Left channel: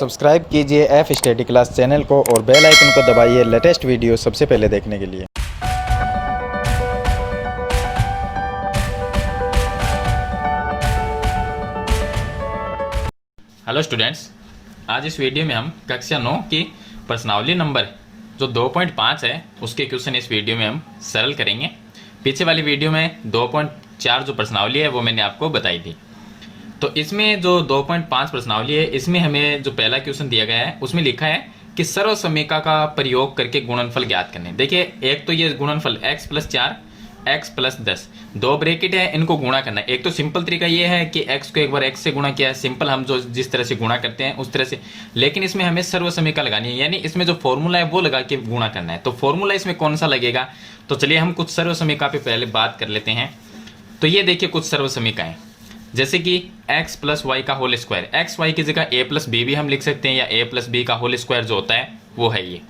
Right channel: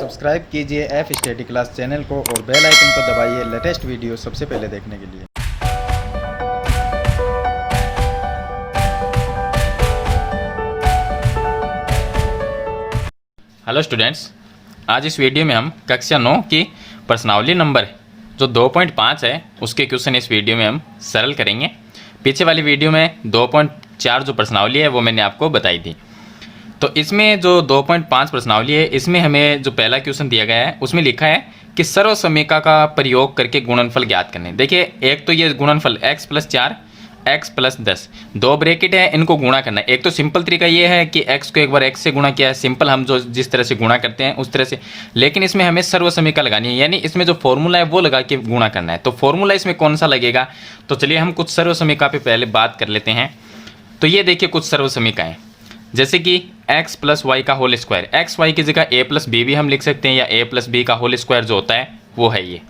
Subscribe कीजिए F study class channel को और बेल आइकन को दबाइए लेटेस्ट वीडियो सबसे पहले देखने के लिए। हेलो स्टूडेंट्स, आज इस वीडियो में हम कक्षा 9 की प्रश्नावली नंबर जो 2.5 है उसके क्वेश्चन इस वीडियो में हम सरल करेंगे। पीछे वाली वीडियो में 2.4 जो प्रश्नावली है वो मैंने आपको बताई थी। तो इसमें जो 2.5 प्रश्नावली है इसमें हमें जो पहला क्वेश्चन दिया गया है उसमें लिखा है कि सर्वसमीका का प्रयोग करके गुणनफल ज्ञात करने। देखिए, एक तो ये गुणनफल x + 4 x + 10 दो ब्रैकेट है, इनको गुणा करना है। एक तो सिंपल तरीका ये है कि x को एक बार x से गुणा किया है, सिंपल हम जो जिस तरह से गुणा करते हैं उस तरह से, लेकिन इसमें हमें सर्वसमीका लगानी है, यानी इसमें जो फॉर्मूला है वो लगा के गुणा करना है। तो फॉर्मूला इसमें कौन सा लगेगा, तो चलिए हम कुछ सर्वसमीका पे पहले बात कर लेते हैं। तो ये देखिए कुछ सर्वसमीकाएं, जैसे कि x + y का होल स्क्वायर, एक्स वाई की जगह a + b भी हम लिख सकते हैं, या a + b का होल स्क्वायर जो होता है वो है ये।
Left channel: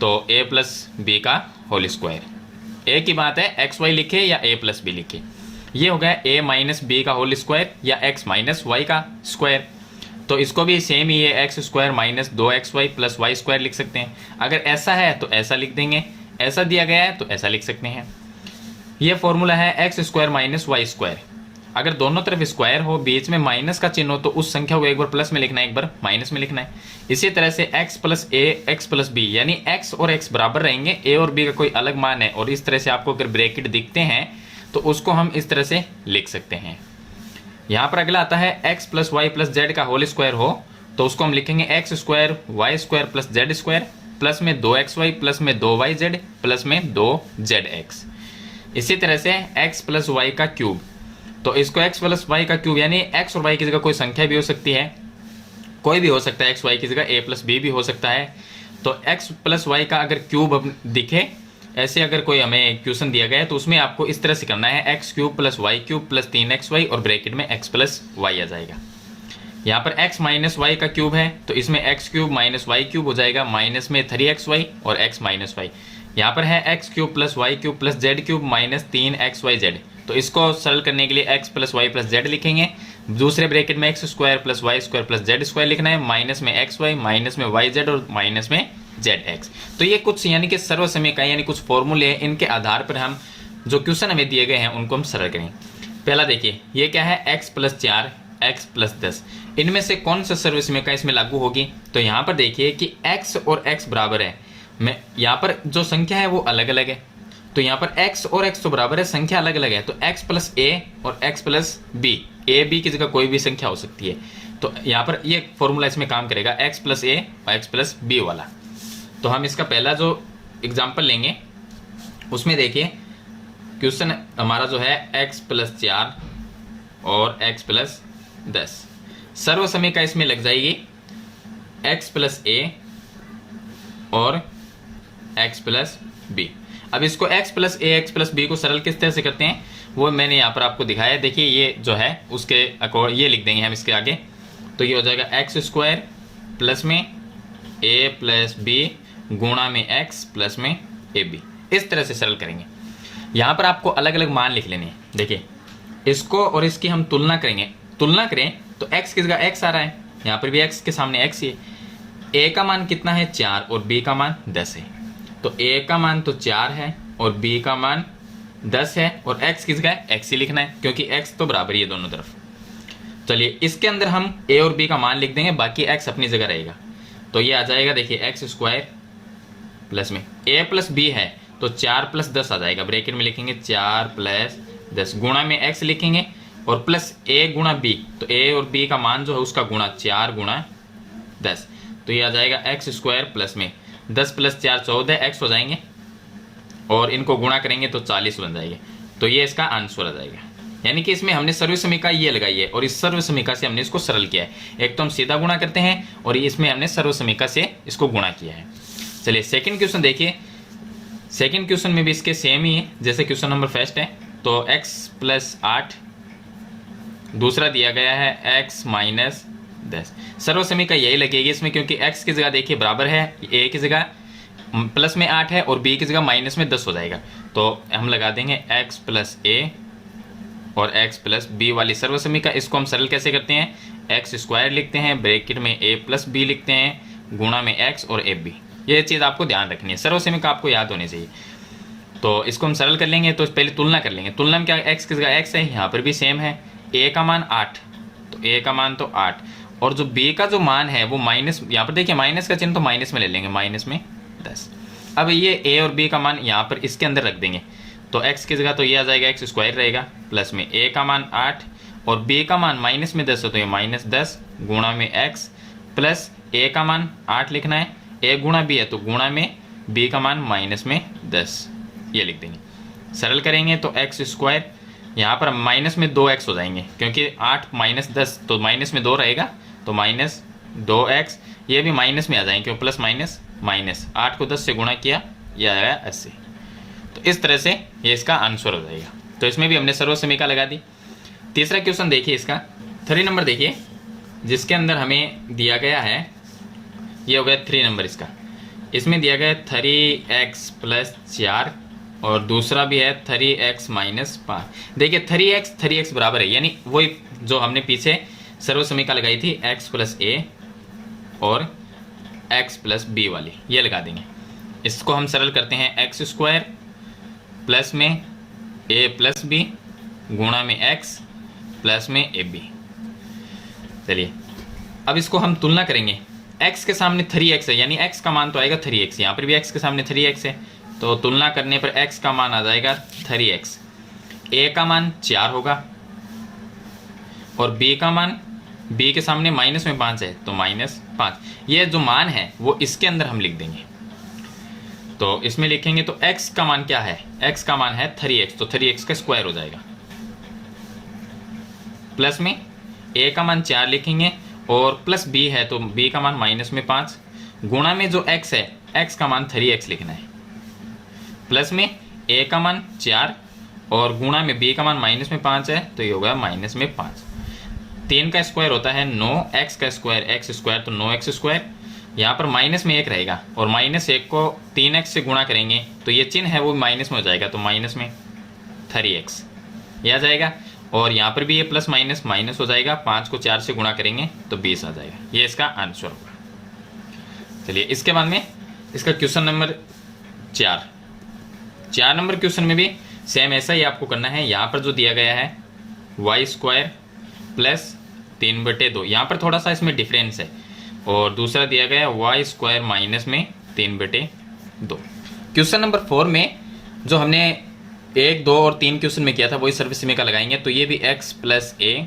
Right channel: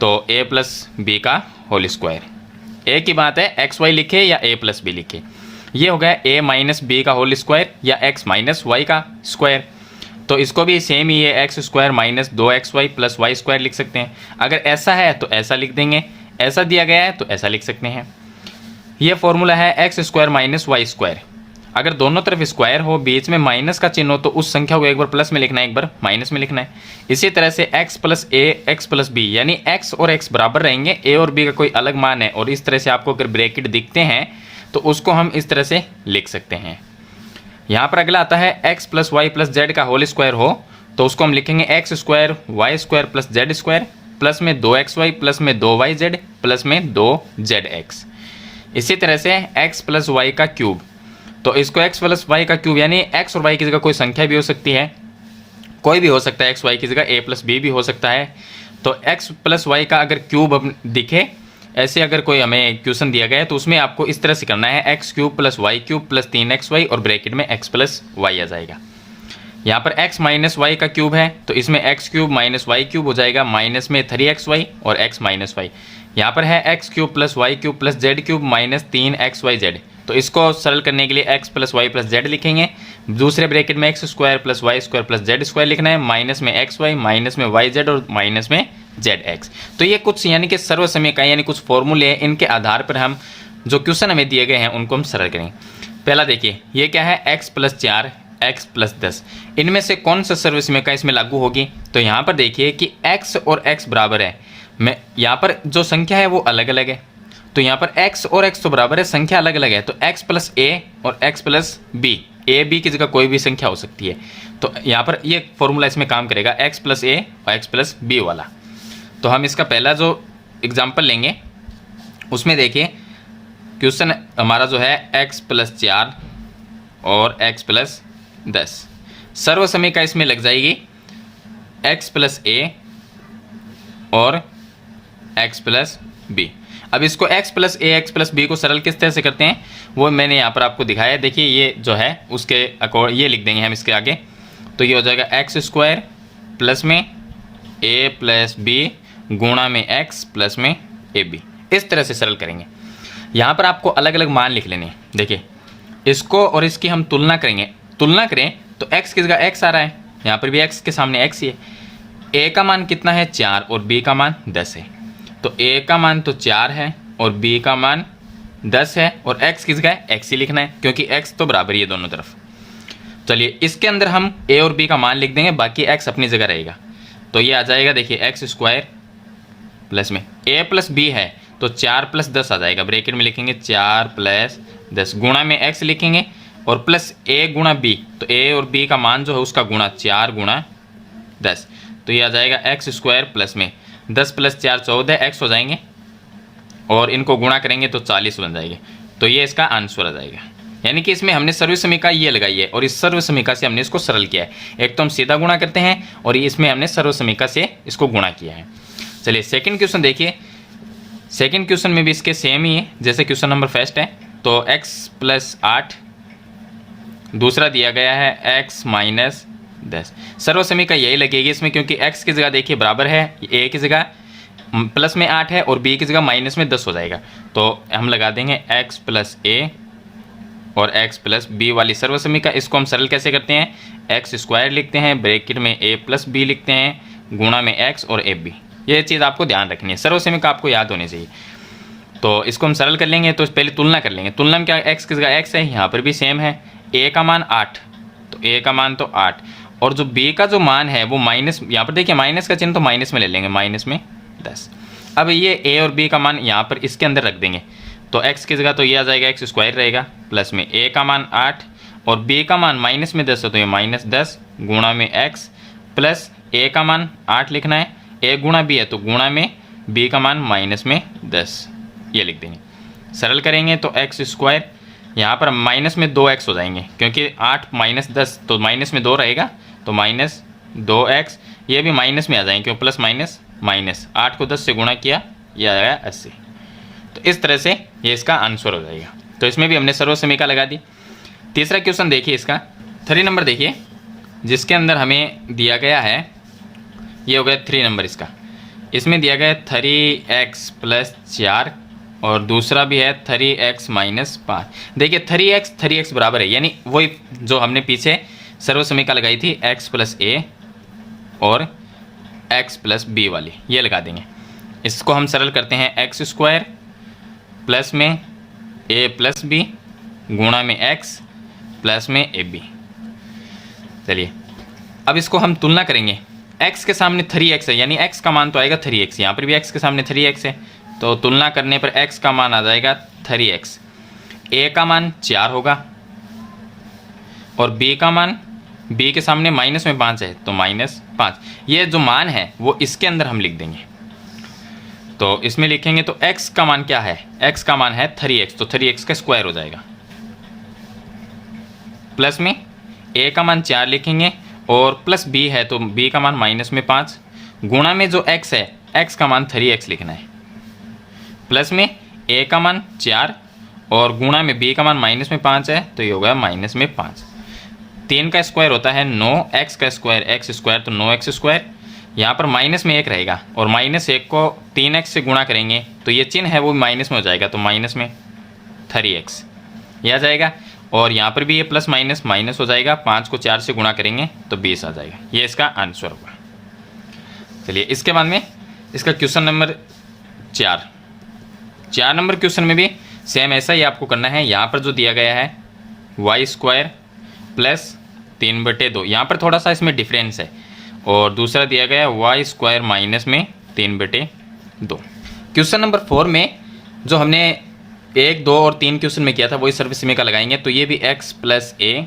तो a + b का होल स्क्वायर, a की बात है x y लिखे या a + b लिखे। ये हो गया a - b का होल स्क्वायर या x - y का स्क्वायर। तो इसको भी सेम ही है, x² - 2xy + y² लिख सकते हैं। अगर ऐसा है तो ऐसा लिख देंगे, ऐसा दिया गया है तो ऐसा लिख सकते हैं। ये फॉर्मूला है x² - y²। अगर दोनों तरफ स्क्वायर हो, बीच में माइनस का चिन्ह हो, तो उस संख्या को एक बार प्लस में लिखना है, एक बार माइनस में लिखना है। इसी तरह से x + a x + b, यानी x और x बराबर रहेंगे, a और b का कोई अलग मान है और इस तरह से आपको अगर ब्रैकेट दिखते हैं तो उसको हम इस तरह से लिख सकते हैं। यहाँ पर अगला आता है x + y + z का होल स्क्वायर हो तो उसको हम लिखेंगे x² y² + z² प्लस में 2xy प्लस में 2yz प्लस में 2zx। इसी तरह से x + y का क्यूब, तो इसको x + y का क्यूब, यानी x और y की जगह कोई संख्या भी हो सकती है, कोई भी हो सकता है, x y की जगह a + b भी हो सकता है। तो x + y का अगर क्यूब दिखे, ऐसे अगर कोई हमें क्वेश्चन दिया गया है तो उसमें आपको इस तरह से करना है, x³ + y³ + 3xy और ब्रैकेट में x + y आ जाएगा। यहाँ पर x - y का क्यूब है तो इसमें x³ - y³ हो जाएगा, माइनस में 3xy और x - y। यहाँ पर है x³ + y³ + z³ - 3xyz। तो इसको सरल करने के लिए x + y + z लिखेंगे, दूसरे ब्रैकेट में x² + y² + z² लिखना है, माइनस में xy माइनस में yz और माइनस में zx। तो ये कुछ यानी कि सर्वसमीकाएं, यानी कुछ फॉर्मूले हैं, इनके आधार पर हम जो क्वेश्चन हमें दिए गए हैं उनको हम सरल करेंगे। पहला देखिए, ये क्या है, x + 4 x + 10, इनमें से कौन सा सर्वसमीका इसमें लागू होगी। तो यहाँ पर देखिए कि x और x बराबर है, मैं यहाँ पर जो संख्या है वो अलग अलग है, तो यहाँ पर x और x तो बराबर है, संख्या अलग अलग है। तो x + a और x + b, a b की जगह कोई भी संख्या हो सकती है। तो यहाँ पर ये फॉर्मूला इसमें काम करेगा, x + a और x + b वाला। तो हम इसका पहला जो एग्जाम्पल लेंगे उसमें देखिए क्वेश्चन हमारा जो है x + 4 और x + 10, सर्वसमीका इसमें लग जाएगी x + a और x + b। अब इसको x + a x + b को सरल किस तरह से करते हैं वो मैंने यहाँ पर आपको दिखाया है। देखिए ये जो है उसके अकॉर्ड ये लिख देंगे हम इसके आगे, तो ये हो जाएगा x² प्लस में a + b गुणा में x प्लस में ab। इस तरह से सरल करेंगे। यहाँ पर आपको अलग अलग मान लिख लेने हैं। देखिए इसको और इसकी हम तुलना करेंगे, तुलना करें तो x की जगह x आ रहा है, यहाँ पर भी x के सामने x ही है। a का मान कितना है, 4 और b का मान 10 है। तो a का मान तो 4 है और b का मान 10 है और x की जगह x ही लिखना है क्योंकि x तो बराबर ही है दोनों तरफ। चलिए इसके अंदर हम a और b का मान लिख देंगे, बाकी x अपनी जगह रहेगा। तो ये आ जाएगा, देखिए x² प्लस में a + b है तो 4 + 10 आ जाएगा, ब्रैकेट में लिखेंगे 4 + 10 गुणा में x लिखेंगे और प्लस a गुणा b, तो a और b का मान जो है उसका गुणा 4 × 10, तो ये आ जाएगा x² प्लस में 10 + 4 14 x हो जाएंगे और इनको गुणा करेंगे तो 40 बन जाएंगे। तो ये इसका आंसर आ जाएगा। यानी कि इसमें हमने सर्वसमीका ये लगाई है और इस सर्वसमीका से हमने इसको सरल किया है। एक तो हम सीधा गुणा करते हैं और इसमें हमने सर्वसमीका से इसको गुणा किया है। चलिए सेकंड क्वेश्चन देखिए, सेकंड क्वेश्चन में भी इसके सेम ही है जैसे क्वेश्चन नंबर फर्स्ट है। तो x + 8, दूसरा दिया गया है x - 10, सर्वसमीका यही लगेगी इसमें क्योंकि x की जगह देखिए बराबर है, a की जगह प्लस में 8 है और b की जगह माइनस में 10 हो जाएगा। तो हम लगा देंगे x + a और x + b वाली सर्वसमीका। इसको हम सरल कैसे करते हैं, एक्स स्क्वायर लिखते हैं, ब्रैकेट में ए प्लस बी लिखते हैं, गुणा में एक्स और ए बी। ये चीज़ आपको ध्यान रखनी है, सर्वसमीक आपको याद होनी चाहिए। तो इसको हम सरल कर लेंगे, तो पहले तुलना कर लेंगे। तुलना में क्या, एक्स किसका एक्स है, यहाँ पर भी सेम है। ए का मान 8, तो ए का मान तो 8, और जो बी का जो मान है वो माइनस, यहाँ पर देखिए माइनस का चिन्ह तो माइनस में ले लेंगे, माइनस में 10। अब ये ए और बी का मान यहाँ पर इसके अंदर रख देंगे, तो एक्स की जगह तो ये आ जाएगा एक्स स्क्वायर रहेगा, प्लस में ए का मान 8 और बी का मान माइनस में 10 है, तो ये माइनस 10 गुणा में एक्स, प्लस ए का मान 8 लिखना है, ए गुणा बी है तो गुणा में बी का मान माइनस में 10, ये लिख देंगे। सरल करेंगे तो एक्स स्क्वायर, यहाँ पर माइनस में 2x हो जाएंगे, क्योंकि 8 माइनस 10 तो माइनस में 2 रहेगा, तो माइनस 2x, ये भी माइनस में आ जाएंगे, क्यों प्लस माइनस माइनस, 8 को 10 से गुणा किया, ये आया 80। तो इस तरह से ये इसका आंसर हो जाएगा। तो इसमें भी हमने सर्वसमीका लगा दी। तीसरा क्वेश्चन देखिए, इसका 3 नंबर देखिए, जिसके अंदर हमें दिया गया है, ये हो गया 3 नंबर इसका। इसमें दिया गया 3x प्लस 4 और दूसरा भी है 3x माइनस 5। देखिए 3x बराबर है, यानी वही जो हमने पीछे सर्वसमीका लगाई थी, x प्लस ए और x प्लस बी वाली, ये लगा देंगे। इसको हम सरल करते हैं, एक्स स्क्वायर प्लस में ए प्लस बी गुणा में x प्लस में ए बी। चलिए अब इसको हम तुलना करेंगे, x के सामने 3x है, यानी x का मान तो आएगा 3x, यहाँ पर भी x के सामने 3x है, तो तुलना करने पर x का मान आ जाएगा 3x, a का मान 4 होगा और b का मान, b के सामने माइनस में 5 है तो माइनस 5। ये जो मान है वो इसके अंदर हम लिख देंगे, तो इसमें लिखेंगे तो x का मान क्या है, x का मान है 3x, तो 3x का स्क्वायर हो जाएगा, प्लस में a का मान 4 लिखेंगे और प्लस b है तो b का मान माइनस में 5, गुणा में जो x है, x का मान 3x लिखना है, प्लस में a का मान 4 और गुणा में b का मान माइनस में 5 है, तो ये होगा माइनस में 5। 3 का स्क्वायर होता है 9, x का स्क्वायर x स्क्वायर, तो 9x स्क्वायर, यहाँ पर माइनस में 1 रहेगा और माइनस 1 को 3x से गुणा करेंगे तो ये चिन्ह है वो माइनस में हो जाएगा, तो माइनस में 3x ये आ जाएगा, और यहाँ पर भी ये प्लस माइनस माइनस हो जाएगा, 5 को 4 से गुणा करेंगे तो 20 आ जाएगा, ये इसका आंसर होगा। चलिए इसके बाद में इसका क्वेश्चन नंबर 4 नंबर क्वेश्चन में भी सेम ऐसा ही आपको करना है। यहाँ पर जो दिया गया है वाई स्क्वायर प्लस 3/2, यहाँ पर थोड़ा सा इसमें डिफरेंस है, और दूसरा दिया गया है वाई स्क्वायर माइनस में 3/2। क्वेश्चन नंबर 4 में जो हमने 1, 2 और 3 क्वेश्चन में किया था वही सर्वसमीका लगाएंगे, तो ये भी x प्लस ए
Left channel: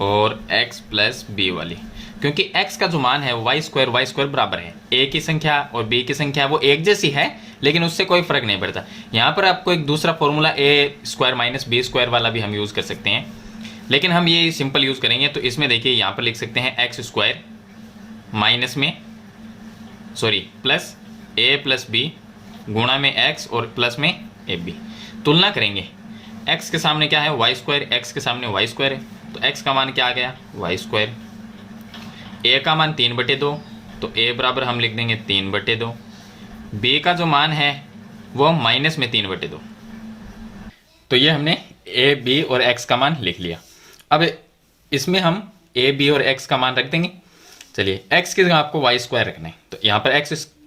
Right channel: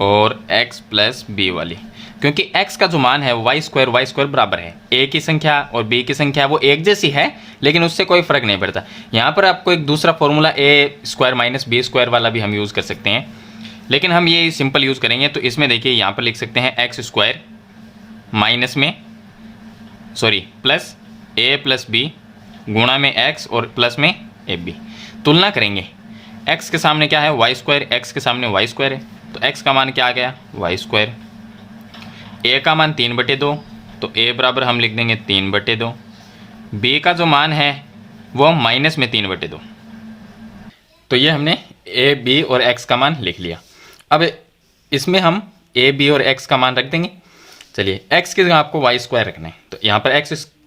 और x प्लस बी वाली, क्योंकि x का जो मान है वाई स्क्वायर बराबर है, a की संख्या और b की संख्या वो एक जैसी है, लेकिन उससे कोई फर्क नहीं पड़ता। यहाँ पर आपको एक दूसरा formula a square minus B square वाला भी हम यूज़ कर सकते हैं, लेकिन हम ये सिंपल यूज़ करेंगे। तो इसमें देखिए यहाँ पर लिख सकते हैं एक्स स्क्वायर माइनस में प्लस a प्लस बी गुणा में x और प्लस में ए बी। तुलना करेंगे, x के सामने क्या है वाई स्क्वायर, x के सामने वाई स्क्वायर है, तो x का मान क्या आ गया वाई स्क्वायर, a का मान 3/2 तो a बराबर हम लिख देंगे 3/2, b का जो मान है वो माइनस में 3/2। तो ये हमने a b और x का मान लिख लिया। अब इसमें हम a b और x का मान रख देंगे। चलिए x की जगह आपको वाई स्क्वायर रखना है, तो यहाँ पर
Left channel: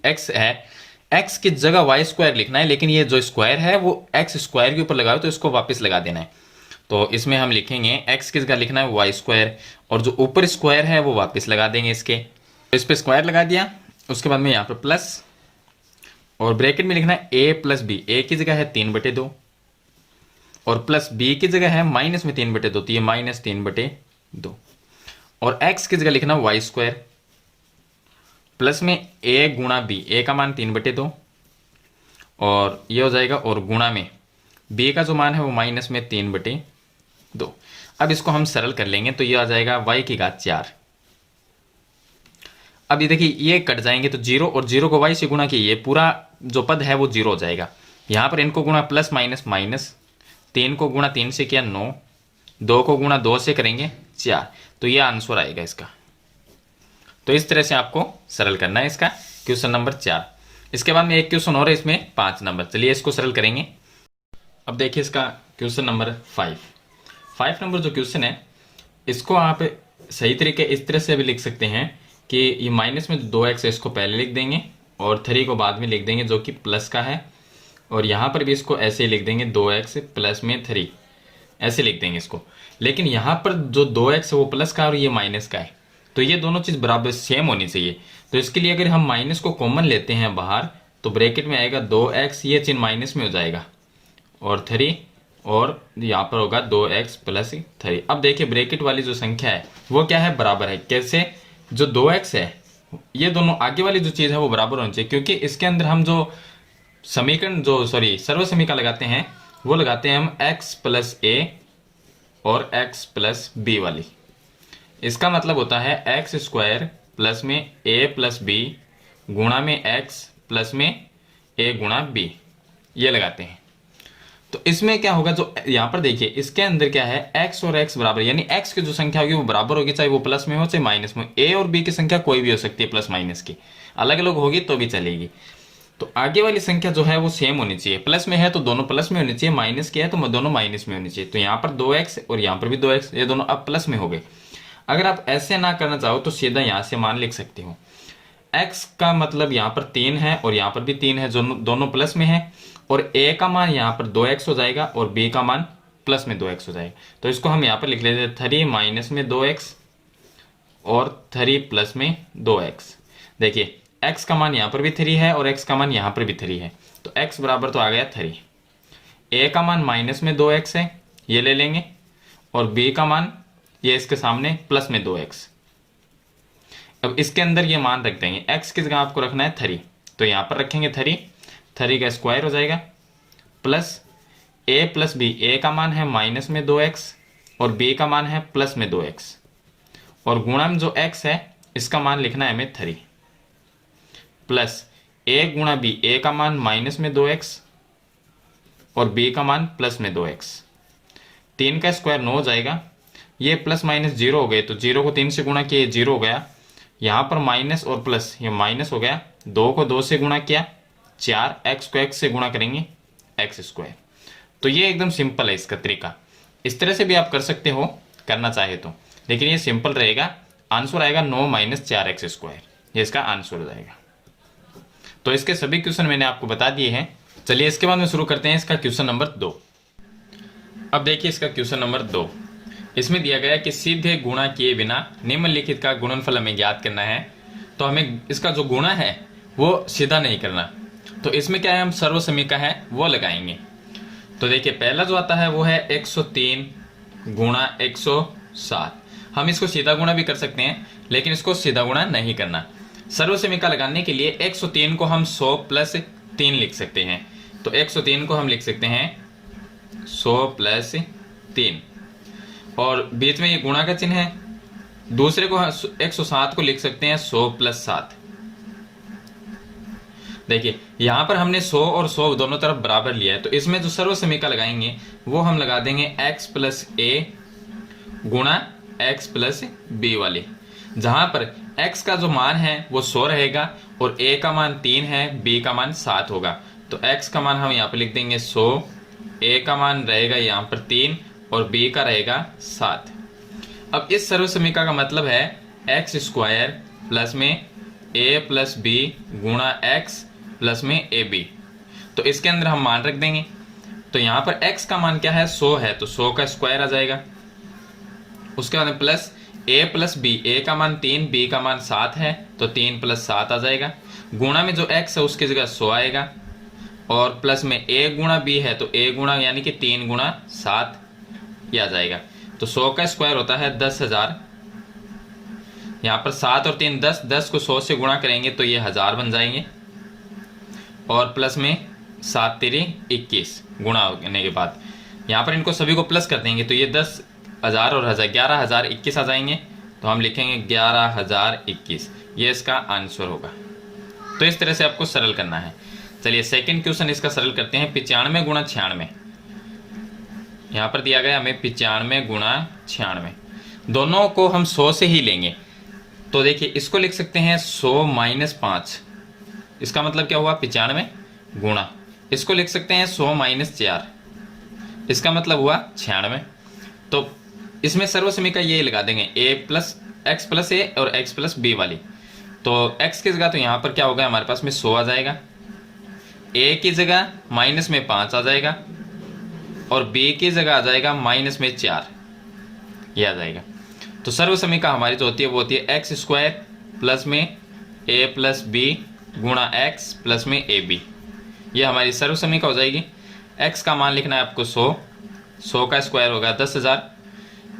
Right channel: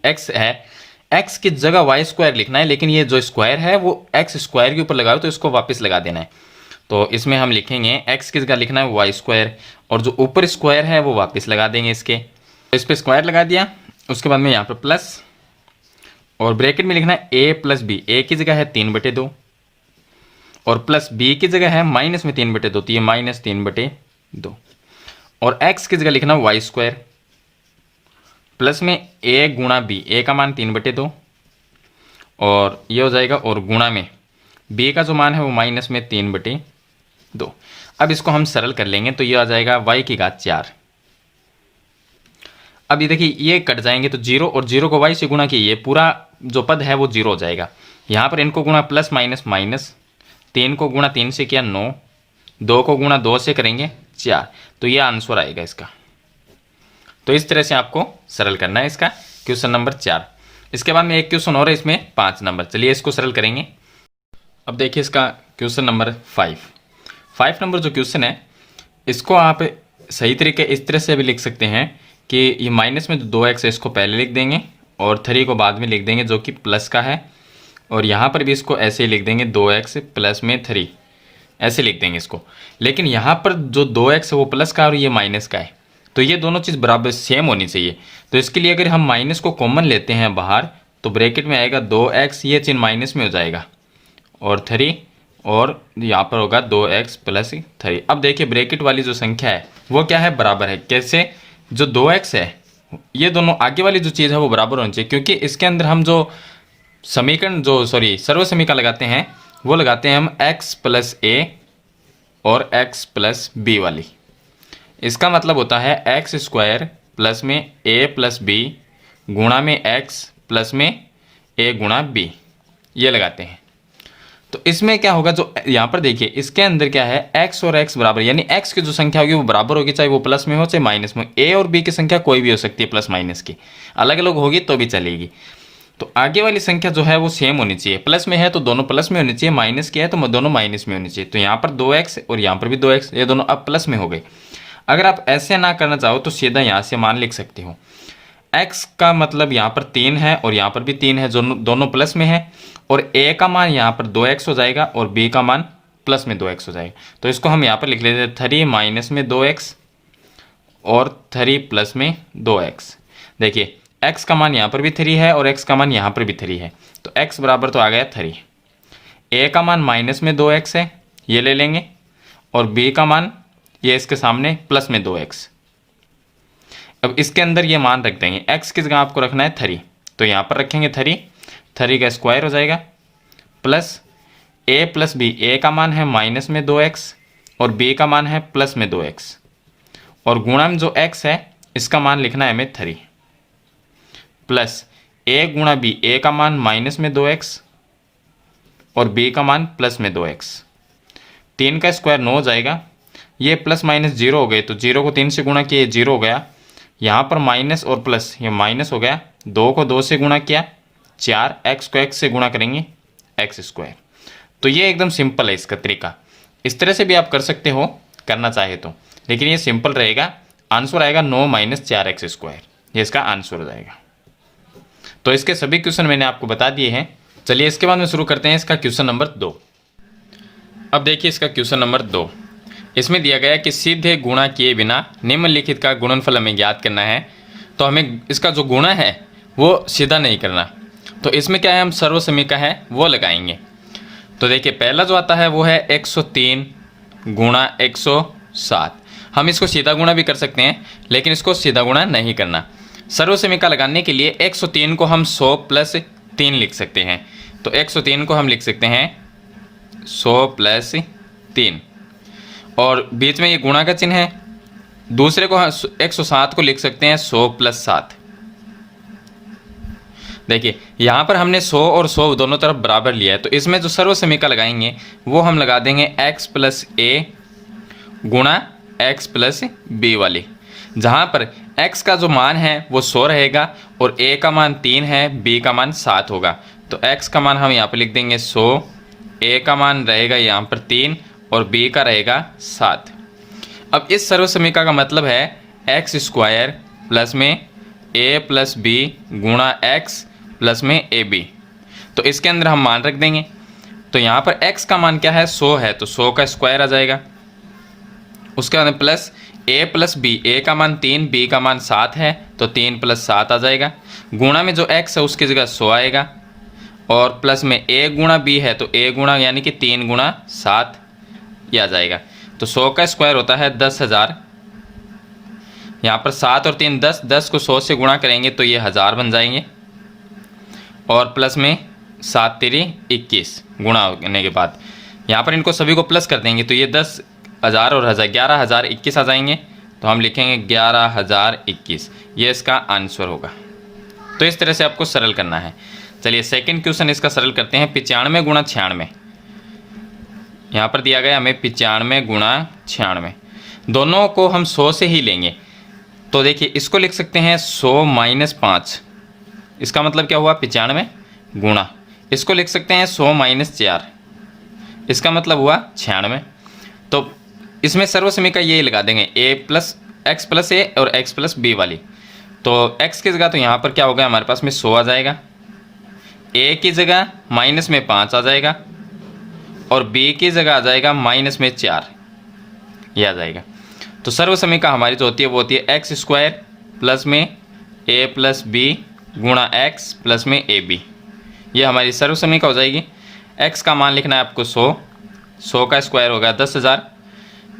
x है, x की जगह वाई स्क्वायर लिखना है, लेकिन ये जो स्क्वायर है वो x स्क्वायर के ऊपर लगाओ तो इसको वापस लगा देना है। तो इसमें हम लिखेंगे x की जगह लिखना है वाई स्क्वायर, और जो ऊपर स्क्वायर है वो वापस लगा देंगे इसके, तो इस पर स्क्वायर लगा दिया। उसके बाद में यहाँ पर प्लस और ब्रैकेट में लिखना है a प्लस बी, a की जगह है 3/2 और प्लस b की जगह है माइनस में 3/2, तो ये माइनस 3/2, और x की जगह लिखना वाई स्क्वायर प्लस में a गुणा b, a का मान 3/2 और ये हो जाएगा, और गुणा में b का जो मान है वो माइनस में 3/2। अब इसको हम सरल कर लेंगे तो ये आ जाएगा y की घात 4। अब ये देखिए ये कट जाएंगे तो 0 और 0 को y से गुणा किए, ये पूरा जो पद है वो 0 हो जाएगा। यहाँ पर इनको गुणा प्लस माइनस माइनस, 3 को गुणा 3 से किया 9, 2 को गुणा 2 से करेंगे 4, तो ये आंसर आएगा इसका। तो इस तरह से आपको सरल करना है इसका क्वेश्चन नंबर 4। इसके बाद में एक क्वेश्चन और है इसमें 5 नंबर, चलिए इसको सरल करेंगे। अब देखिए इसका क्वेश्चन नंबर 5 नंबर जो क्वेश्चन है इसको आप सही तरीके इस तरह से भी लिख सकते हैं कि ये माइनस में जो 2x है इसको पहले लिख देंगे और 3 को बाद में लिख देंगे जो कि प्लस का है, और यहाँ पर भी इसको ऐसे ही लिख देंगे 2x प्लस में 3, ऐसे लिख देंगे इसको। लेकिन यहाँ पर जो 2x है वो प्लस का और ये माइनस का है, तो ये दोनों चीज़ बराबर सेम होनी चाहिए। तो इसके लिए अगर हम माइनस को कॉमन लेते हैं बाहर तो ब्रैकेट में आएगा 2x, ये चिन्ह माइनस में हो जाएगा, और 3, और यहाँ पर होगा 2x प्लस 3। अब देखिए ब्रैकेट वाली जो संख्या है वो क्या है, बराबर है। कैसे? जो 2x है ये दोनों आगे वाली जो चीज़ है वो बराबर होनी चाहिए, क्योंकि इसके अंदर हम जो समीकरण सर्व समीकरण लगाते हैं वो लगाते हैं हम x प्लस a और x प्लस b वाली। इसका मतलब होता है एक्स स्क्वायर प्लस में a प्लस बी गुणा में x प्लस में a गुणा b, ये लगाते हैं। तो इसमें क्या होगा, जो यहाँ पर देखिए इसके अंदर क्या है, x और x बराबर, यानी x की जो संख्या होगी वो बराबर होगी, चाहे वो प्लस में हो चाहे माइनस में। a और b की संख्या कोई भी हो सकती है, प्लस माइनस की, अलग अलग होगी तो भी चलेगी। तो आगे वाली संख्या जो है वो सेम होनी चाहिए, प्लस में है तो दोनों प्लस में होनी चाहिए, माइनस की है तो दोनों माइनस में होनी चाहिए। तो यहाँ पर 2x और यहाँ पर भी 2x, ये दोनों अब प्लस में हो गए। अगर आप ऐसे ना करना चाहो तो सीधा यहाँ से मान लिख सकते हो, x का मतलब यहाँ पर 3 है और यहाँ पर भी 3 है, दोनों प्लस में है, और a का मान यहाँ पर 2x हो जाएगा और b का मान प्लस में 2x हो जाएगा। तो इसको हम यहाँ पर लिख लेते हैं 3 माइनस में 2x और 3 प्लस में 2x। देखिए x का मान यहाँ पर भी 3 है और x का मान यहाँ पर भी 3 है, तो x बराबर तो आ गया 3। a का मान माइनस में 2x है, ये ले लेंगे, और b का मान ये इसके सामने प्लस में 2x। अब इसके अंदर ये मान रख देंगे, x की जगह आपको रखना है 3, तो यहाँ पर रखेंगे 3 का स्क्वायर हो जाएगा, plus a plus b, a का मान है माइनस में 2x और b का मान है प्लस में 2x, और गुणा में जो x है इसका मान लिखना है हमें 3, प्लस a गुणा b, a का मान माइनस में 2x और b का मान प्लस में 2x। 3 का स्क्वायर 9 हो जाएगा, ये प्लस माइनस 0 हो गए, तो 0 को 3 से गुणा किया 0 हो गया, यहाँ पर माइनस और प्लस ये माइनस हो गया, 2 को 2 से गुणा किया 4, x को x से गुणा करेंगे x स्क्वायर। तो ये एकदम सिंपल है इसका तरीका, इस तरह से भी आप कर सकते हो करना चाहे तो, लेकिन ये सिंपल रहेगा। आंसर आएगा 9 माइनस 4x स्क्वायर, ये इसका आंसर हो जाएगा। तो इसके सभी क्वेश्चन मैंने आपको बता दिए हैं। चलिए इसके बाद में शुरू करते हैं इसका क्वेश्चन नंबर 2। अब देखिए इसका क्वेश्चन नंबर 2, इसमें दिया गया है कि सीधे गुणा किए बिना निम्नलिखित का गुणनफल हमें ज्ञात करना है। तो हमें इसका जो गुणा है वो सीधा नहीं करना, तो इसमें क्या है, हम सर्व समीकरण है वो लगाएंगे। तो देखिए पहला जो आता है वो है 103 गुणा 107। हम इसको सीधा गुणा भी कर सकते हैं, लेकिन इसको सीधा गुणा नहीं करना। सर्व समीकरण लगाने के लिए 103 को हम 100 प्लस 3 लिख सकते हैं। तो 103 को हम लिख सकते हैं 100 प्लस 3, और बीच में ये गुणा का चिन्ह है। दूसरे को 107 को लिख सकते हैं 100 प्लस 7। देखिए यहाँ पर हमने 100 और 100 दोनों तरफ बराबर लिया है, तो इसमें जो सर्व समीकरण लगाएंगे वो हम लगा देंगे x प्लस a गुणा x प्लस b वाली, जहाँ पर x का जो मान है वो 100 रहेगा और a का मान 3 है, b का मान 7 होगा। तो x का मान हम यहाँ पर लिख देंगे 100, a का मान रहेगा यहाँ पर 3 और b का रहेगा 7। अब इस सर्व समीकरण का मतलब है x स्क्वायर प्लस में a प्लस b गुणा x प्लस में ab। तो इसके अंदर हम मान रख देंगे, तो यहाँ पर x का मान क्या है 100 है, तो 100 का स्क्वायर आ जाएगा। उसके बाद plus a plus b, a का मान 3, b का मान 7 है, तो 3 प्लस 7 आ जाएगा। गुणा में जो x है उसकी जगह 100 आएगा, और प्लस में a गुणा b है तो a गुणा यानी कि 3 गुणा 7 ये आ जाएगा। तो 100 का स्क्वायर होता है 10,000। यहाँ पर 7 और 3 10, 10 को 100 से गुणा करेंगे तो ये 1000 बन जाएंगे, और प्लस में 7 3 21 गुणा होने के बाद यहाँ पर इनको सभी को प्लस कर देंगे, तो ये 10,000 और 1000 11,021 आ जाएंगे। तो हम लिखेंगे 11,021, ये इसका आंसर होगा। तो इस तरह से आपको सरल करना है। चलिए सेकंड क्वेश्चन इसका सरल करते हैं। 95 गुणा 96, यहाँ पर दिया गया हमें 95 गुणा 96, दोनों को हम 100 से ही लेंगे। तो देखिए इसको लिख सकते हैं 100 माइनस 5, इसका मतलब क्या हुआ 95 गुणा, इसको लिख सकते हैं 100 माइनस 4, इसका मतलब हुआ 96। तो इसमें सर्वसमीका ये लगा देंगे x प्लस ए और x प्लस बी वाली। तो x की जगह तो यहाँ पर क्या होगा हमारे पास में 100 आ जाएगा, a की जगह माइनस में 5 आ जाएगा और b की जगह आ जाएगा माइनस में 4, ये आ जाएगा। तो सर्वसमीका हमारी जो होती है वो होती है एक्स स्क्वायर प्लस में a प्लस बी गुणा x प्लस में ए बी, ये हमारी सर्वसमीका हो जाएगी। x का मान लिखना है आपको 100 का स्क्वायर होगा 10,000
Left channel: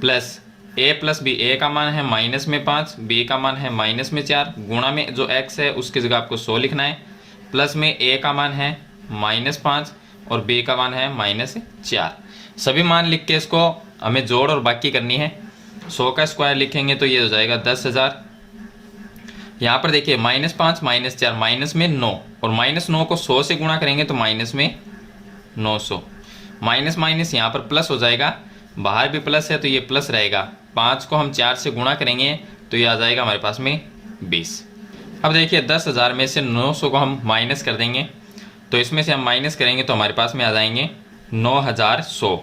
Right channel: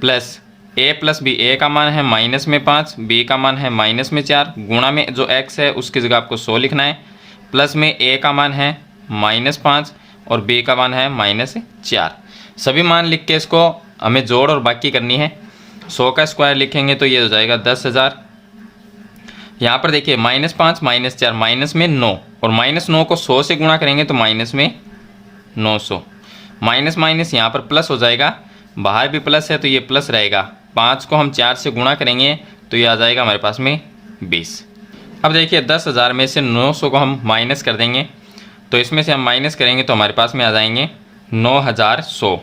plus a plus B, a का मान है माइनस में 5, b का मान है माइनस में 4, गुणा में जो x है उसकी जगह आपको 100 लिखना है, प्लस में a का मान है -5 और b का मान है -4। सभी मान लिख के इसको हमें जोड़ और बाकी करनी है। 100 का स्क्वायर लिखेंगे तो ये हो जाएगा 10,000। यहाँ पर देखिए -5 -4 माइनस में 9 और -9 को 100 से गुणा करेंगे तो माइनस में 900, माइनस माइनस यहाँ पर प्लस हो जाएगा, बाहर भी प्लस है तो ये प्लस रहेगा। 5 को हम 4 से गुणा करेंगे तो ये आ जाएगा हमारे पास में 20। अब देखिए 10,000 में से 900 को हम माइनस कर देंगे, तो इसमें से हम माइनस करेंगे तो हमारे पास में आ जाएंगे 9,100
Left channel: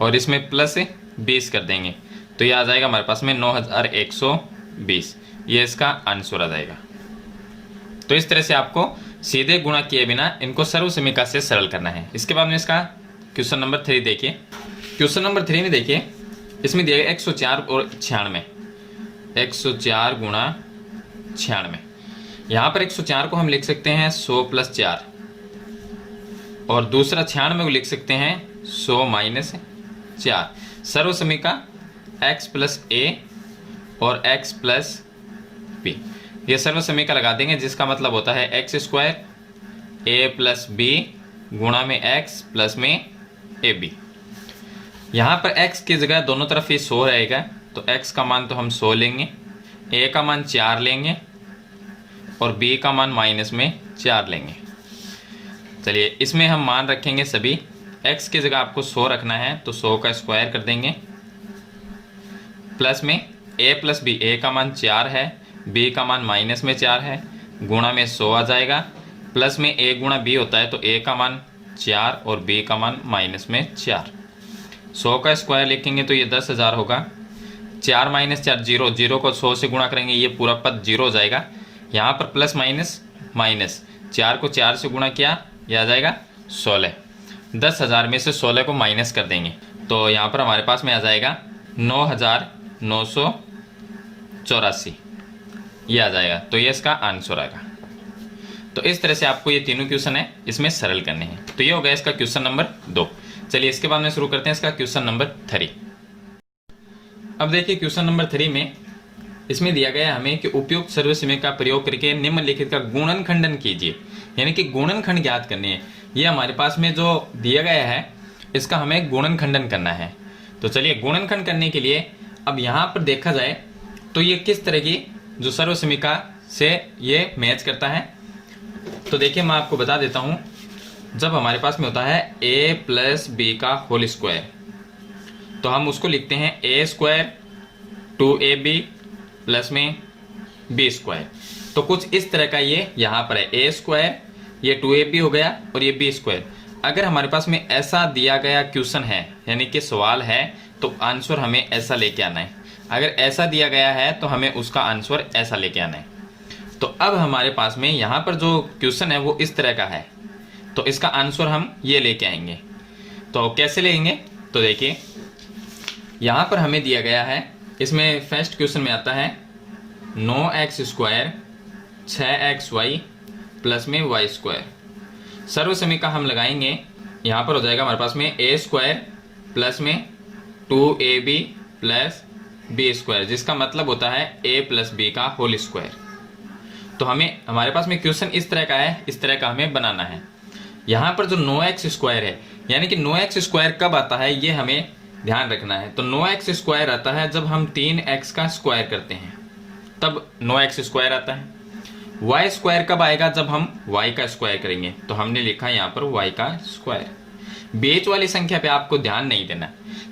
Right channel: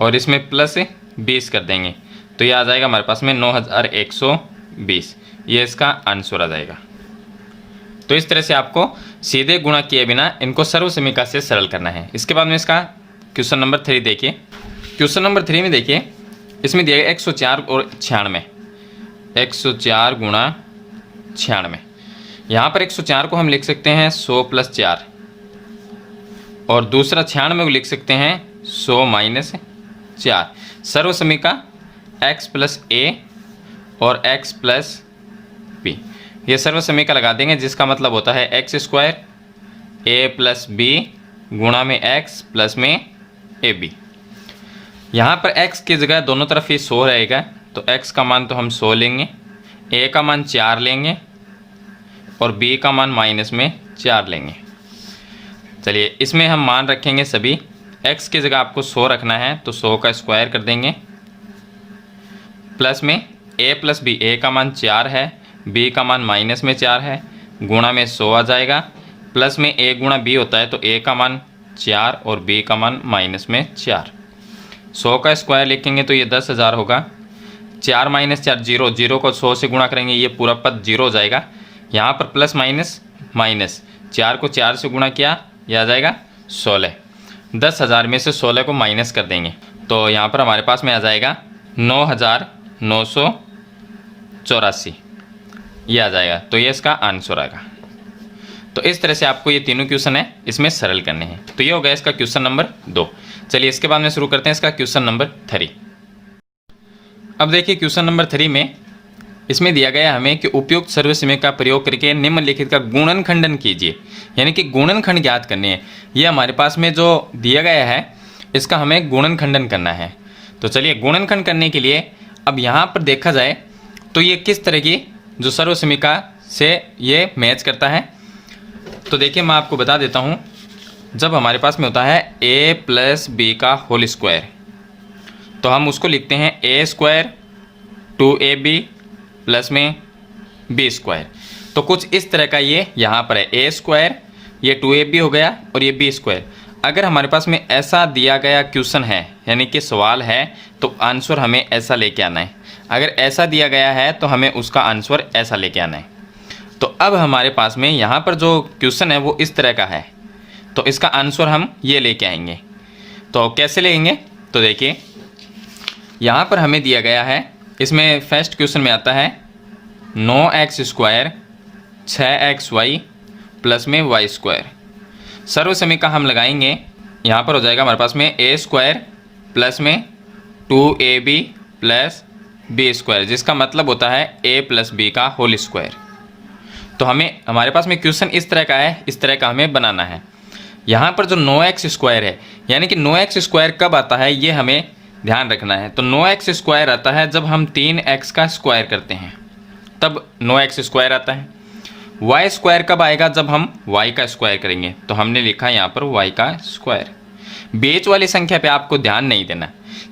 और इसमें प्लस 20 कर देंगे तो ये आ जाएगा हमारे पास में 9,120, ये इसका आंसर आ जाएगा। तो इस तरह से आपको सीधे गुणा किए बिना इनको सर्वसमीका से सरल करना है। इसके बाद में इसका क्वेश्चन नंबर 3 देखिए। क्वेश्चन नंबर 3 में देखिए इसमें दिया गया 104 और 96, 104 गुणा 96। यहाँ पर 104 को हम लिख सकते हैं 100 प्लस 4 और दूसरा 96 को लिख सकते हैं 100 माइनस 4। सर्वसमीका x प्लस ए और x प्लस बी, ये सर्वसमीका लगा देंगे जिसका मतलब होता है एक्स स्क्वायर ए प्लस बी गुणा में x प्लस में ए बी। यहाँ पर x की जगह दोनों तरफ ही 100 रहेगा तो x का मान तो हम 100 लेंगे, a का मान 4 लेंगे और b का मान माइनस में 4 लेंगे। चलिए इसमें हम मान रखेंगे सभी, x की जगह आपको 100 रखना है तो 100 का स्क्वायर कर देंगे, प्लस में a प्लस बी, a का मान 4 है, b का मान माइनस में 4 है, गुणा में 100 आ जाएगा, प्लस में a गुणा b होता है तो a का मान 4 और b का मान माइनस में 4। 100 का स्क्वायर लिखेंगे तो ये 10,000 होगा, 4 माइनस 4 0, 0 को 100 से गुणा करेंगे ये पूरा पद 0 हो जाएगा। यहाँ पर प्लस माइनस माइनस, 4 को 4 से गुणा किया यह आ जाएगा 16। 10,000 में से 16 को माइनस कर देंगे तो यहाँ पर हमारे पास में आ जाएगा 9,984, ये आ जाएगा। तो ये इसका आंसर आएगा। तो इस तरह से आपको ये तीनों क्वेश्चन है इसमें सरल करने हैं। तो ये हो गया इसका क्वेश्चन नंबर 2। चलिए इसके बाद में शुरू करते हैं इसका क्वेश्चन नंबर 3। अब देखिए क्वेश्चन नंबर 3 में इसमें दिया गया है हमें कि उपयुक्त सर्वसमीका का प्रयोग करके निम्नलिखित का गुणनखंडन कीजिए, यानी कि गुणनखंड ज्ञात करने हैं। ये हमारे पास में जो दिया गया है इसका हमें गुणनखंडन करना है। तो चलिए गुणनखंड करने के लिए अब यहाँ पर देखा जाए तो ये किस तरह की जो सर्वसमीका से ये मैच करता है। तो देखिए मैं आपको बता देता हूँ, जब हमारे पास में होता है a प्लस बी का होल स्क्वायर तो हम उसको लिखते हैं a स्क्वायर 2ab प्लस में b स्क्वायर। तो कुछ इस तरह का ये यहाँ पर है, a स्क्वायर ये 2ab हो गया और ये b स्क्वायर। अगर हमारे पास में ऐसा दिया गया क्वेश्चन है यानी कि सवाल है तो आंसर हमें ऐसा लेके आना है, अगर ऐसा दिया गया है तो हमें उसका आंसर ऐसा लेके आना है। तो अब हमारे पास में यहाँ पर जो क्वेश्चन है वो इस तरह का है तो इसका आंसर हम ये लेके आएंगे। तो कैसे लेंगे, तो देखिए यहाँ पर हमें दिया गया है, इसमें फर्स्ट क्वेश्चन में आता है 9x स्क्वायर 6xy प्लस में y स्क्वायर। सर्वसमीका हम लगाएंगे, यहाँ पर हो जाएगा हमारे पास में a स्क्वायर प्लस में 2ab प्लस b स्क्वायर, जिसका मतलब होता है a प्लस b का होल स्क्वायर। तो हमें हमारे पास में क्वेश्चन इस तरह का है, इस तरह का हमें बनाना है। यहाँ पर जो 9x स्क्वायर है यानी कि 9x स्क्वायर कब आता है ये हमें ध्यान रखना है। तो 9x स्क्वायर आता है जब हम 3x का स्क्वायर करते हैं तब 9x स्क्वायर आता है। y स्क्वायर कब आएगा, जब हम y का स्क्वायर करेंगे। तो हमने लिखा यहाँ पर y का स्क्वायर। बीच वाली संख्या पे आपको ध्यान नहीं देना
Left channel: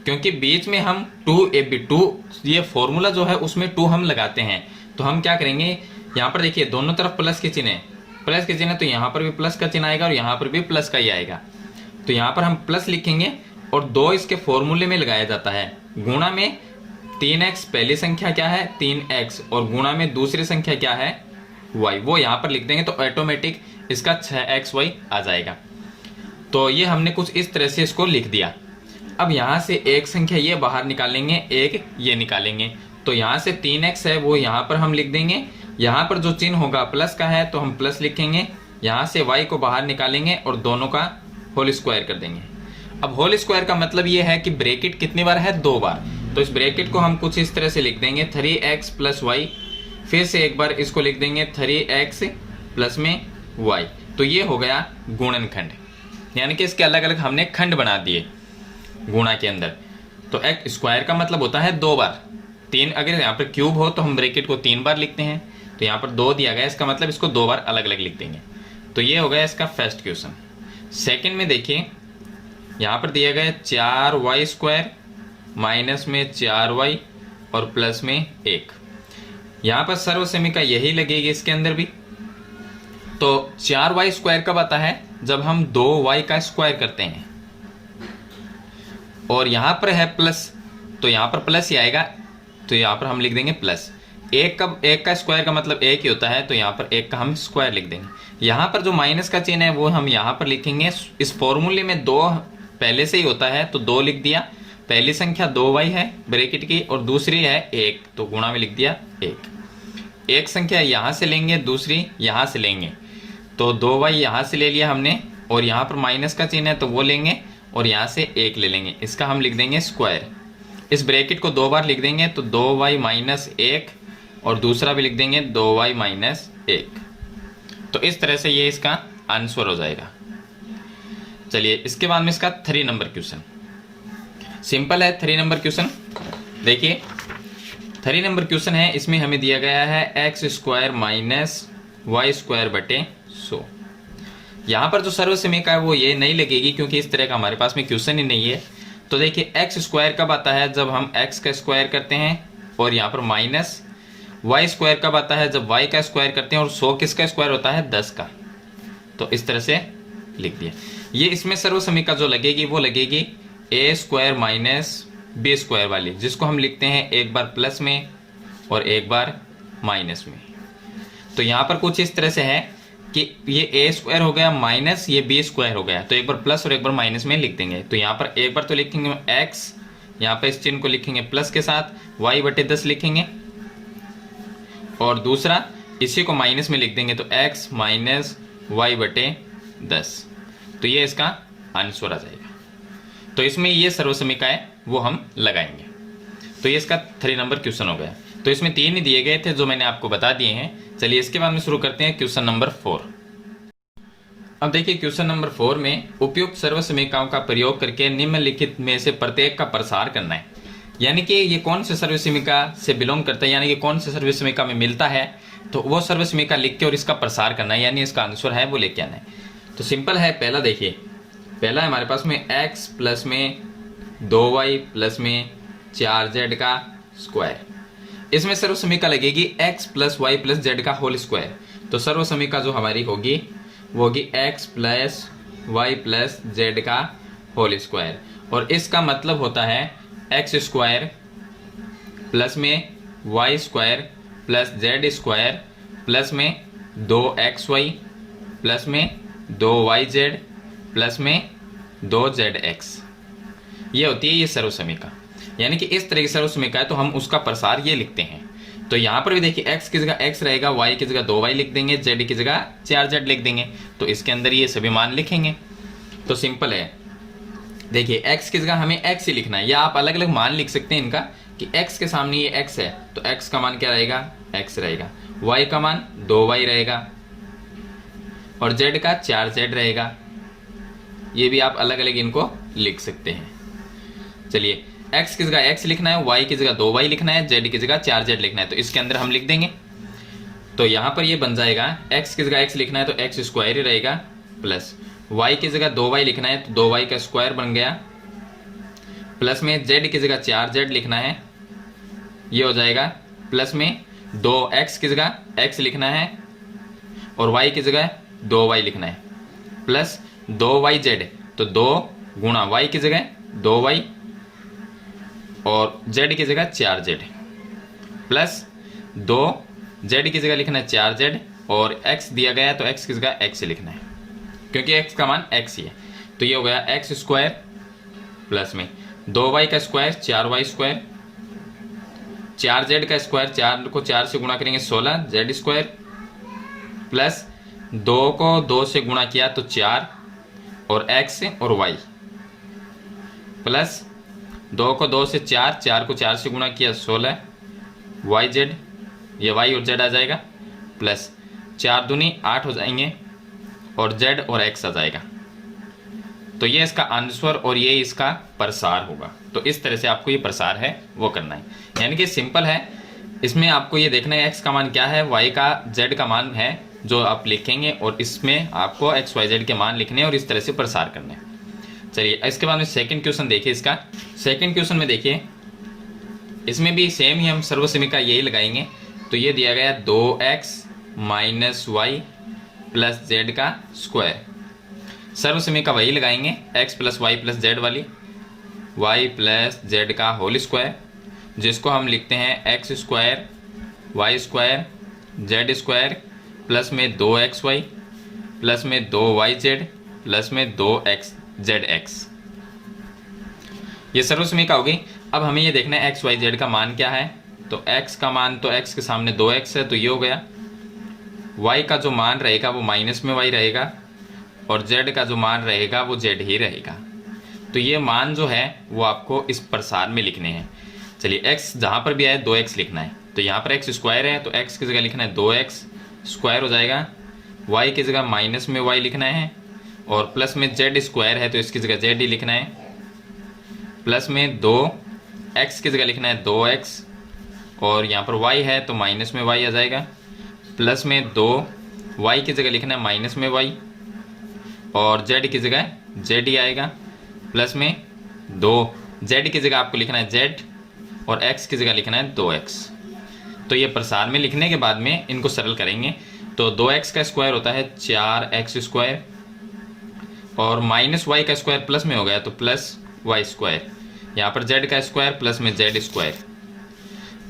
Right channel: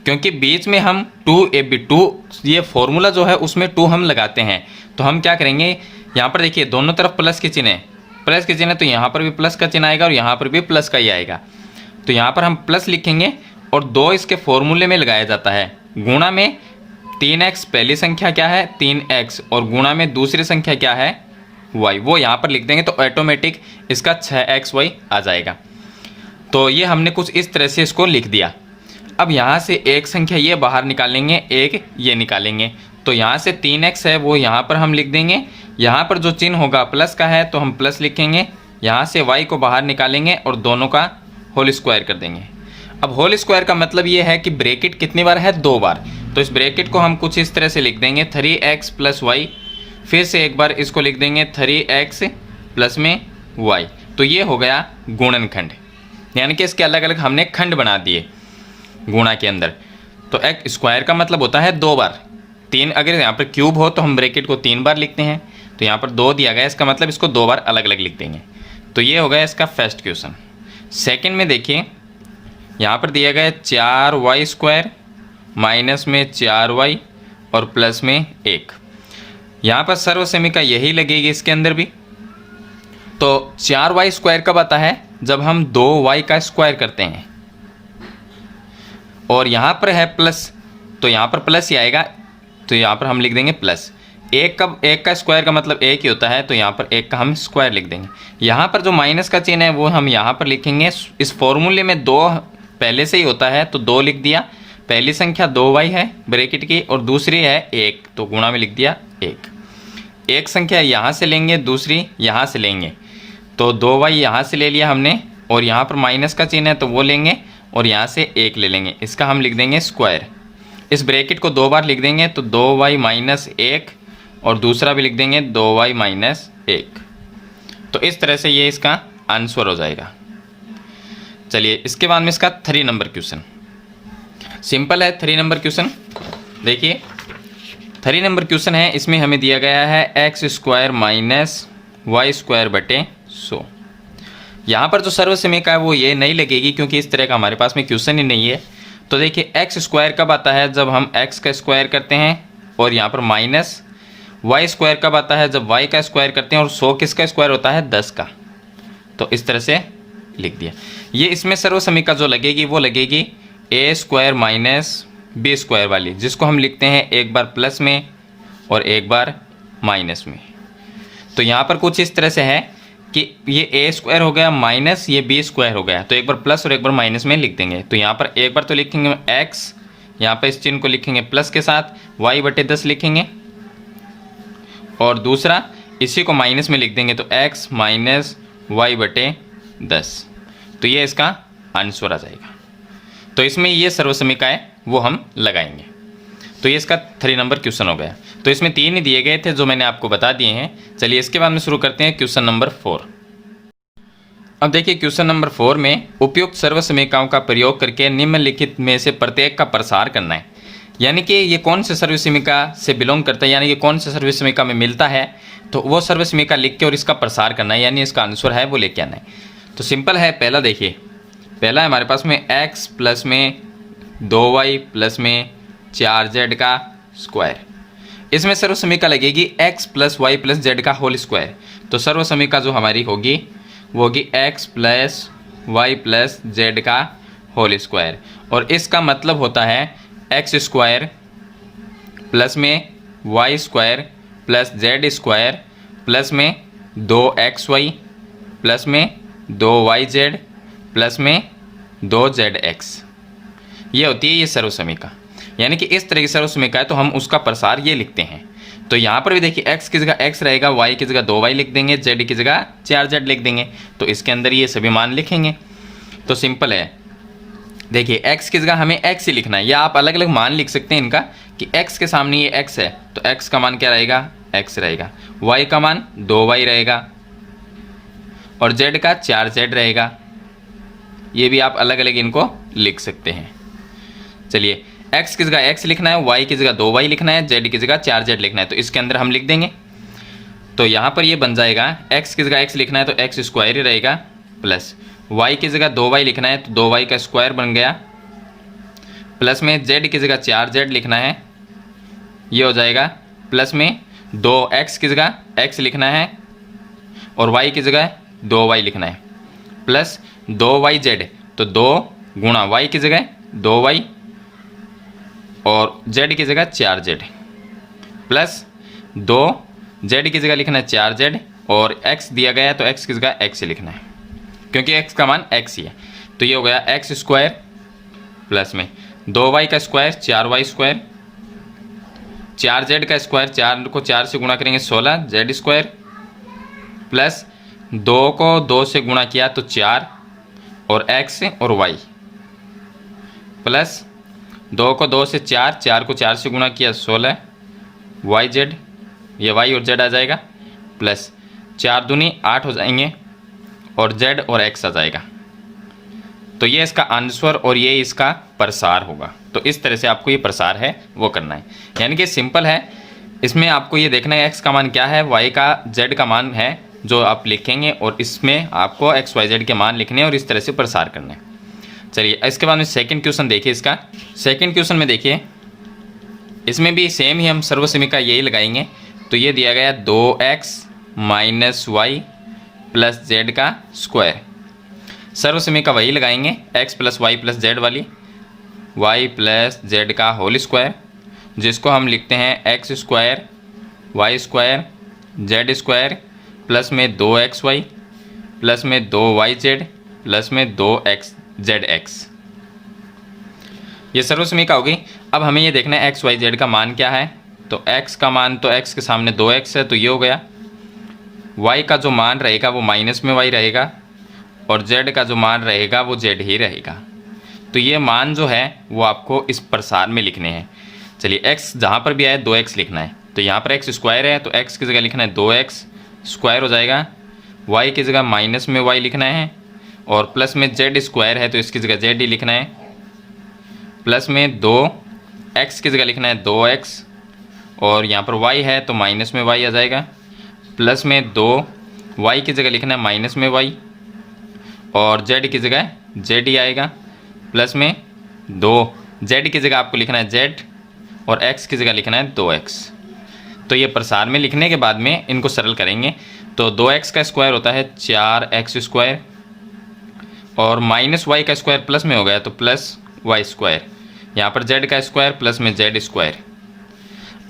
क्योंकि बीच में हम 2ab ये फॉर्मूला जो है उसमें 2 हम लगाते हैं। तो हम क्या करेंगे, यहाँ पर देखिए दोनों तरफ प्लस के चिन्ह है, प्लस के चिन्ह तो यहाँ पर भी प्लस का चिन्ह आएगा और यहाँ पर भी प्लस का ही आएगा। तो यहाँ पर हम प्लस लिखेंगे और 2 इसके फॉर्मूले में लगाया जाता है। गुणा में 3x पहली संख्या क्या है 3x, और गुणा में दूसरी संख्या क्या है y, वो यहाँ पर लिख देंगे तो ऑटोमेटिक इसका 6xy आ जाएगा। तो ये हमने कुछ इस तरह से इसको लिख दिया। अब यहाँ से एक संख्या ये बाहर निकालेंगे, एक ये निकालेंगे, तो यहाँ से 3x है वो यहाँ पर हम लिख देंगे। यहाँ पर जो चिन्ह होगा प्लस का है तो हम प्लस लिखेंगे। यहाँ से y को बाहर निकालेंगे और दोनों का होल स्क्वायर कर देंगे। अब होल स्क्वायर का मतलब ये है कि ब्रैकेट कितनी बार है 2 बार, तो इस ब्रैकेट को हम कुछ इस तरह से लिख देंगे 3x प्लस y, फिर से एक बार इसको लिख देंगे 3x प्लस में y। तो ये हो गया गुणनखंड, यानी कि इसके अलग अलग हमने खंड बना दिए गुणा के अंदर। तो एक स्क्वायर का मतलब होता है 2 बार। 3 अगर यहाँ पर क्यूब हो तो हम ब्रैकेट को 3 बार लिखते हैं, तो यहाँ पर 2 दिया गया, इसका मतलब इसको 2 बार अलग अलग लिख देंगे। तो ये हो गया इसका फर्स्ट क्वेश्चन। सेकंड में देखिए यहाँ पर दिया गया 4y स्क्वायर माइनस में 4y और प्लस में 1। यहाँ पर सर्वसमीका यही लगेगी इसके अंदर भी। तो 4y स्क्वायर कब आता है जब हम 2y का स्क्वायर करते हैं, और यहाँ पर है प्लस तो यहाँ पर प्लस ही आएगा, तो यहाँ पर हम लिख देंगे प्लस। 1 का स्क्वायर का मतलब 1 ही होता है, तो यहाँ पर 1 का हम स्क्वायर लिख देंगे। यहाँ पर जो माइनस का चिन्ह है वो हम यहाँ पर लिखेंगे। इस फॉर्मूले में 2 पहले से ही होता है तो 2 लिख दिया। पहली संख्या 2y है ब्रैकेट की और दूसरी है 1, तो गुणा में लिख दिया 1। एक संख्या यहाँ से लेंगे, दूसरी यहाँ से लेंगे, तो 2y यहाँ से ले लिया हमने, और यहाँ पर माइनस का चिन्ह है तो वो लेंगे और यहाँ से 1 ले लेंगे, इसका हम लिख देंगे स्क्वायर। इस ब्रैकेट को 2 बार लिख देंगे तो 2y माइनस 1, और दूसरा भी लिख देंगे 2y माइनस 1। तो इस तरह से ये इसका आंसर हो जाएगा। चलिए इसके बाद में इसका 3 नंबर क्वेश्चन सिंपल है। 3 नंबर क्वेश्चन देखिए, 3 नंबर क्वेश्चन है, इसमें हमें दिया गया है x square minus Y square बटे 100। यहाँ पर जो सर्वसमीका है वो ये नहीं लगेगी क्योंकि इस तरह का हमारे पास में क्वेश्चन ही नहीं है। तो देखिए x स्क्वायर कब आता है जब हम x का स्क्वायर करते हैं, और यहाँ पर माइनस वाई स्क्वायर कब आता है जब y का स्क्वायर करते हैं, और 100 किसका स्क्वायर होता है 10 का। तो इस तरह से लिख दिया। ये इसमें सर्वसमीका जो लगेगी वो लगेगी a square minus B square वाली, जिसको हम लिखते हैं एक बार प्लस में और एक बार माइनस में। तो यहाँ पर कुछ इस तरह से है कि ये a स्क्वायर हो गया माइनस ये b स्क्वायर हो गया, तो एक बार प्लस और एक बार माइनस में लिख देंगे। तो यहाँ पर एक बार तो लिखेंगे x, यहाँ पर इस चिन्ह को लिखेंगे प्लस के साथ, y बटे 10 लिखेंगे, और दूसरा इसी को माइनस में लिख देंगे तो x माइनस वाई बटे 10। तो ये इसका आंसर आ जाएगा। तो इसमें ये सर्वसमीका है वो हम लगाएंगे। तो ये इसका 3 नंबर क्वेश्चन हो गया। तो इसमें 3 ही दिए गए थे जो मैंने आपको बता दिए हैं। चलिए इसके बाद में शुरू करते हैं क्वेश्चन नंबर 4। अब देखिए क्वेश्चन नंबर 4 में उपयुक्त सर्वसमीकाओं का प्रयोग करके निम्नलिखित में से प्रत्येक का प्रसार करना है। यानी कि ये कौन से सर्वसमीका से बिलोंग करता है, यानी कि कौन से सर्वसमीका में मिलता है, तो वो सर्वसमीका लिख के और इसका प्रसार करना है, यानी इसका आंसर है वो लेके आना है। तो सिंपल है। पहला देखिए, पहला है हमारे पास में x प्लस में 2y प्लस में 4z का स्क्वायर। इसमें सर्वसमीका लगेगी x plus Y plus Z का होल स्क्वायर। तो सर्वसमीका जो हमारी होगी वो होगी x plus Y plus Z का होल स्क्वायर, और इसका मतलब होता है x स्क्वायर प्लस में Y square plus Z square plus में 2xy प्लस में 2yz प्लस में 2zx। ये होती है ये सर्वसमीका। यानी कि इस तरह की सर्वसमीका है तो हम उसका प्रसार ये लिखते हैं। तो यहाँ पर भी देखिए x की जगह x रहेगा, y की जगह 2y लिख देंगे, z की जगह 4z लिख देंगे। तो इसके अंदर ये सभी मान लिखेंगे। तो सिंपल है। देखिए x की जगह हमें x ही लिखना है, या आप अलग अलग मान लिख सकते हैं इनका कि x के सामने ये x है तो x का मान क्या रहेगा, x रहेगा, y का मान 2y रहेगा, और z का 4z रहेगा। ये भी आप अलग अलग इनको लिख सकते हैं। चलिए x की जगह x लिखना है, y की जगह 2y लिखना है, z की जगह 4z लिखना है। तो इसके अंदर हम लिख देंगे। तो यहाँ पर ये बन जाएगा x की जगह x लिखना है तो x स्क्वायर ही रहेगा, प्लस y की जगह 2y लिखना है तो 2y का स्क्वायर बन गया, प्लस में z की जगह 4z लिखना है, ये हो जाएगा, प्लस में 2x की जगह x लिखना है और y की जगह 2y लिखना है, प्लस 2yz, तो 2 गुणा y की जगह 2y और z की जगह 4z प्लस 2z की जगह लिखना है 4z और x दिया गया है तो x की जगह x लिखना है क्योंकि x का मान x ही है। तो ये हो गया x स्क्वायर प्लस में 2y का स्क्वायर 4y स्क्वायर, 4z का स्क्वायर, 4 को 4 से गुणा करेंगे 16 z स्क्वायर प्लस 2 को 2 से गुणा किया तो 4 और x और y प्लस 2 को 2 से 4, 4 को 4 से गुणा किया 16 yz, ये y और z आ जाएगा प्लस 4 दूनी 8 हो जाएंगे और z और x आ जाएगा। तो ये इसका आंसर और ये इसका प्रसार होगा। तो इस तरह से आपको ये प्रसार है वो करना है, यानी कि सिंपल है। इसमें आपको ये देखना है x का मान क्या है, y का z का मान है जो आप लिखेंगे और इसमें आपको x y z के मान लिखने हैं और इस तरह से प्रसार करना है। चलिए इसके बाद में सेकंड क्वेश्चन देखिए। इसका सेकंड क्वेश्चन में देखिए, इसमें भी सेम ही हम सर्वसमीका यही लगाएंगे। तो ये दिया गया 2x minus Y plus Z का स्क्वायर, सर्वसमीका वही लगाएंगे x plus Y plus Z वाली, y प्लस जेड का होल स्क्वायर जिसको हम लिखते हैं x square Y square Z square plus में 2xy प्लस में 2yz प्लस में 2xzx। ये सर्वसमीका होगी। अब हमें ये देखना है x y z का मान क्या है। तो x का मान तो x के सामने 2x है तो ये हो गया, y का जो मान रहेगा वो माइनस में y रहेगा और z का जो मान रहेगा वो z ही रहेगा। तो ये मान जो है वो आपको इस प्रसार में लिखने हैं। चलिए x जहाँ पर भी आए 2x लिखना है। तो यहाँ पर x स्क्वायर है तो x की जगह लिखना है 2x स्क्वायर हो जाएगा, y की जगह माइनस में y लिखना है और प्लस में z स्क्वायर है तो इसकी जगह z ही लिखना है, प्लस में 2x की जगह लिखना है 2x और यहाँ पर y है तो माइनस में y आ जाएगा, प्लस में 2y की जगह लिखना है माइनस में y और z की जगह z ही आएगा, प्लस में 2z की जगह आपको लिखना है z और x की जगह लिखना है 2x। तो ये प्रसार में लिखने के बाद में इनको सरल करेंगे। तो 2x का स्क्वायर होता है 4x स्क्वायर और माइनस y का स्क्वायर प्लस में हो गया तो प्लस y स्क्वायर, यहाँ पर z का स्क्वायर प्लस में z स्क्वायर।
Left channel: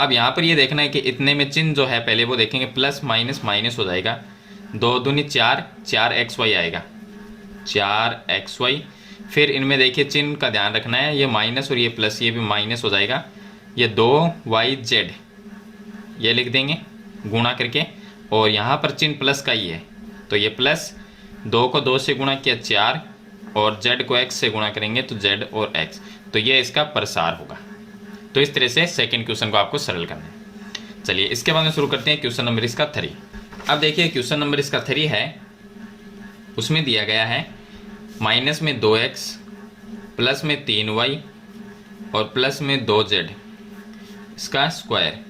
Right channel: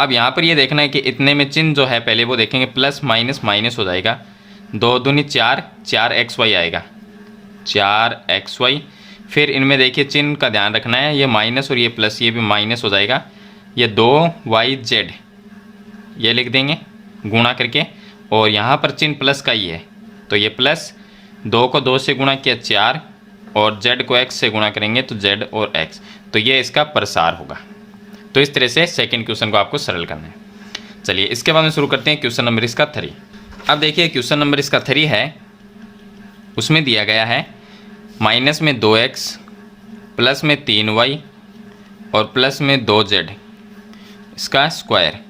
अब यहाँ पर ये देखना है कि इतने में चिन्ह जो है पहले वो देखेंगे, प्लस माइनस माइनस हो जाएगा, 2 दूनी 4, 4xy आएगा 4xy। फिर इनमें देखिए चिन्ह का ध्यान रखना है, ये माइनस और ये प्लस, ये भी माइनस हो जाएगा, ये 2yz ये लिख देंगे गुणा करके और यहाँ पर चिन्ह प्लस का ही है तो ये प्लस 2 को 2 से गुणा किया 4 और z को x से गुणा करेंगे तो z और x। तो ये इसका प्रसार होगा। तो इस तरह से सेकंड क्वेश्चन को आपको सरल करना है। चलिए इसके बाद में शुरू करते हैं क्वेश्चन नंबर इसका 3। अब देखिए क्वेश्चन नंबर इसका 3 है, उसमें दिया गया है माइनस में 2x प्लस में 3y और प्लस में 2z इसका स्क्वायर।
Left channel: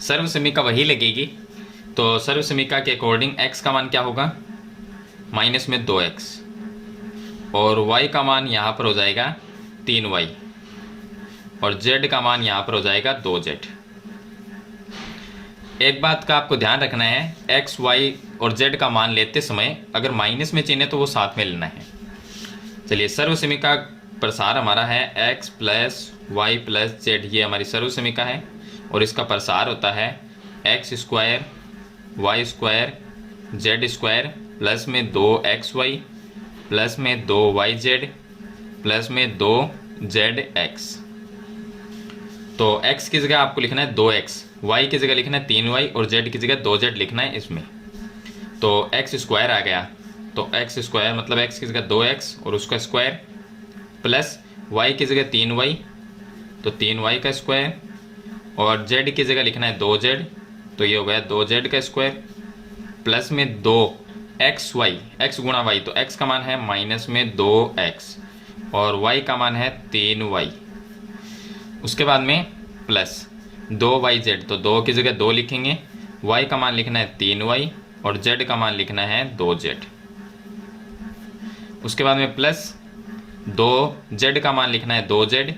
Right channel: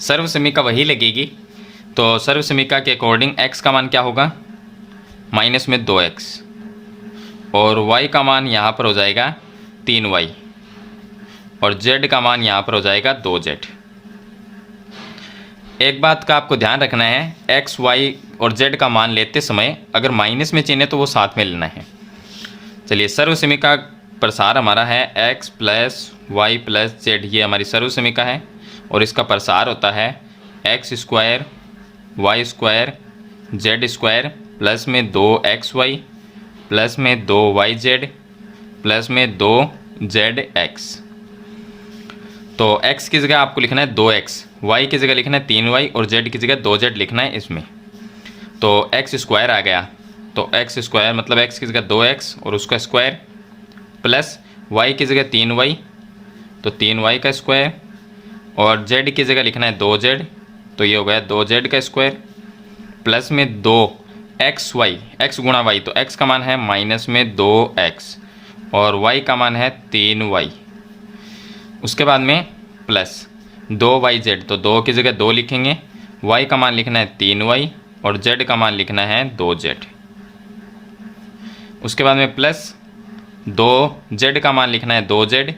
सर्वसमीका वही लगेगी। तो सर्वसमीका के अकॉर्डिंग x का मान क्या होगा, माइनस में 2x और y का मान यहाँ पर हो जाएगा 3y और z का मान यहाँ पर हो जाएगा 2z। एक बात का आपको ध्यान रखना है, x, y और z का मान लेते समय अगर माइनस में चिन्ह है तो वो साथ में लेना है। चलिए सर्वसमीका प्रसार हमारा है x plus Y plus Z, ये हमारी सर्वसमीका है और इसका प्रसार होता है x square Y square Z square plus में 2xy प्लस में 2yz प्लस में 2zx। तो x की जगह आपको लिखना है 2x, y की जगह लिखना है 3y और z की जगह 2z लिखना है इसमें। तो x स्क्वायर आ गया, तो x स्क्वायर मतलब x की जगह 2x और उसका स्क्वायर प्लस y की जगह 3y तो 3y का स्क्वायर और z की जगह लिखना है 2z तो ये हो गया 2z का स्क्वायर प्लस में 2xy, x गुणा y तो x का मान है माइनस में 2x और y का मान है 3y। उसके बाद में प्लस 2yz तो 2 की जगह 2 लिखेंगे, y का मान लिखना है 3y और z का मान लिखना है 2z। उसके बाद में प्लस 2z का मान लिखना है 2z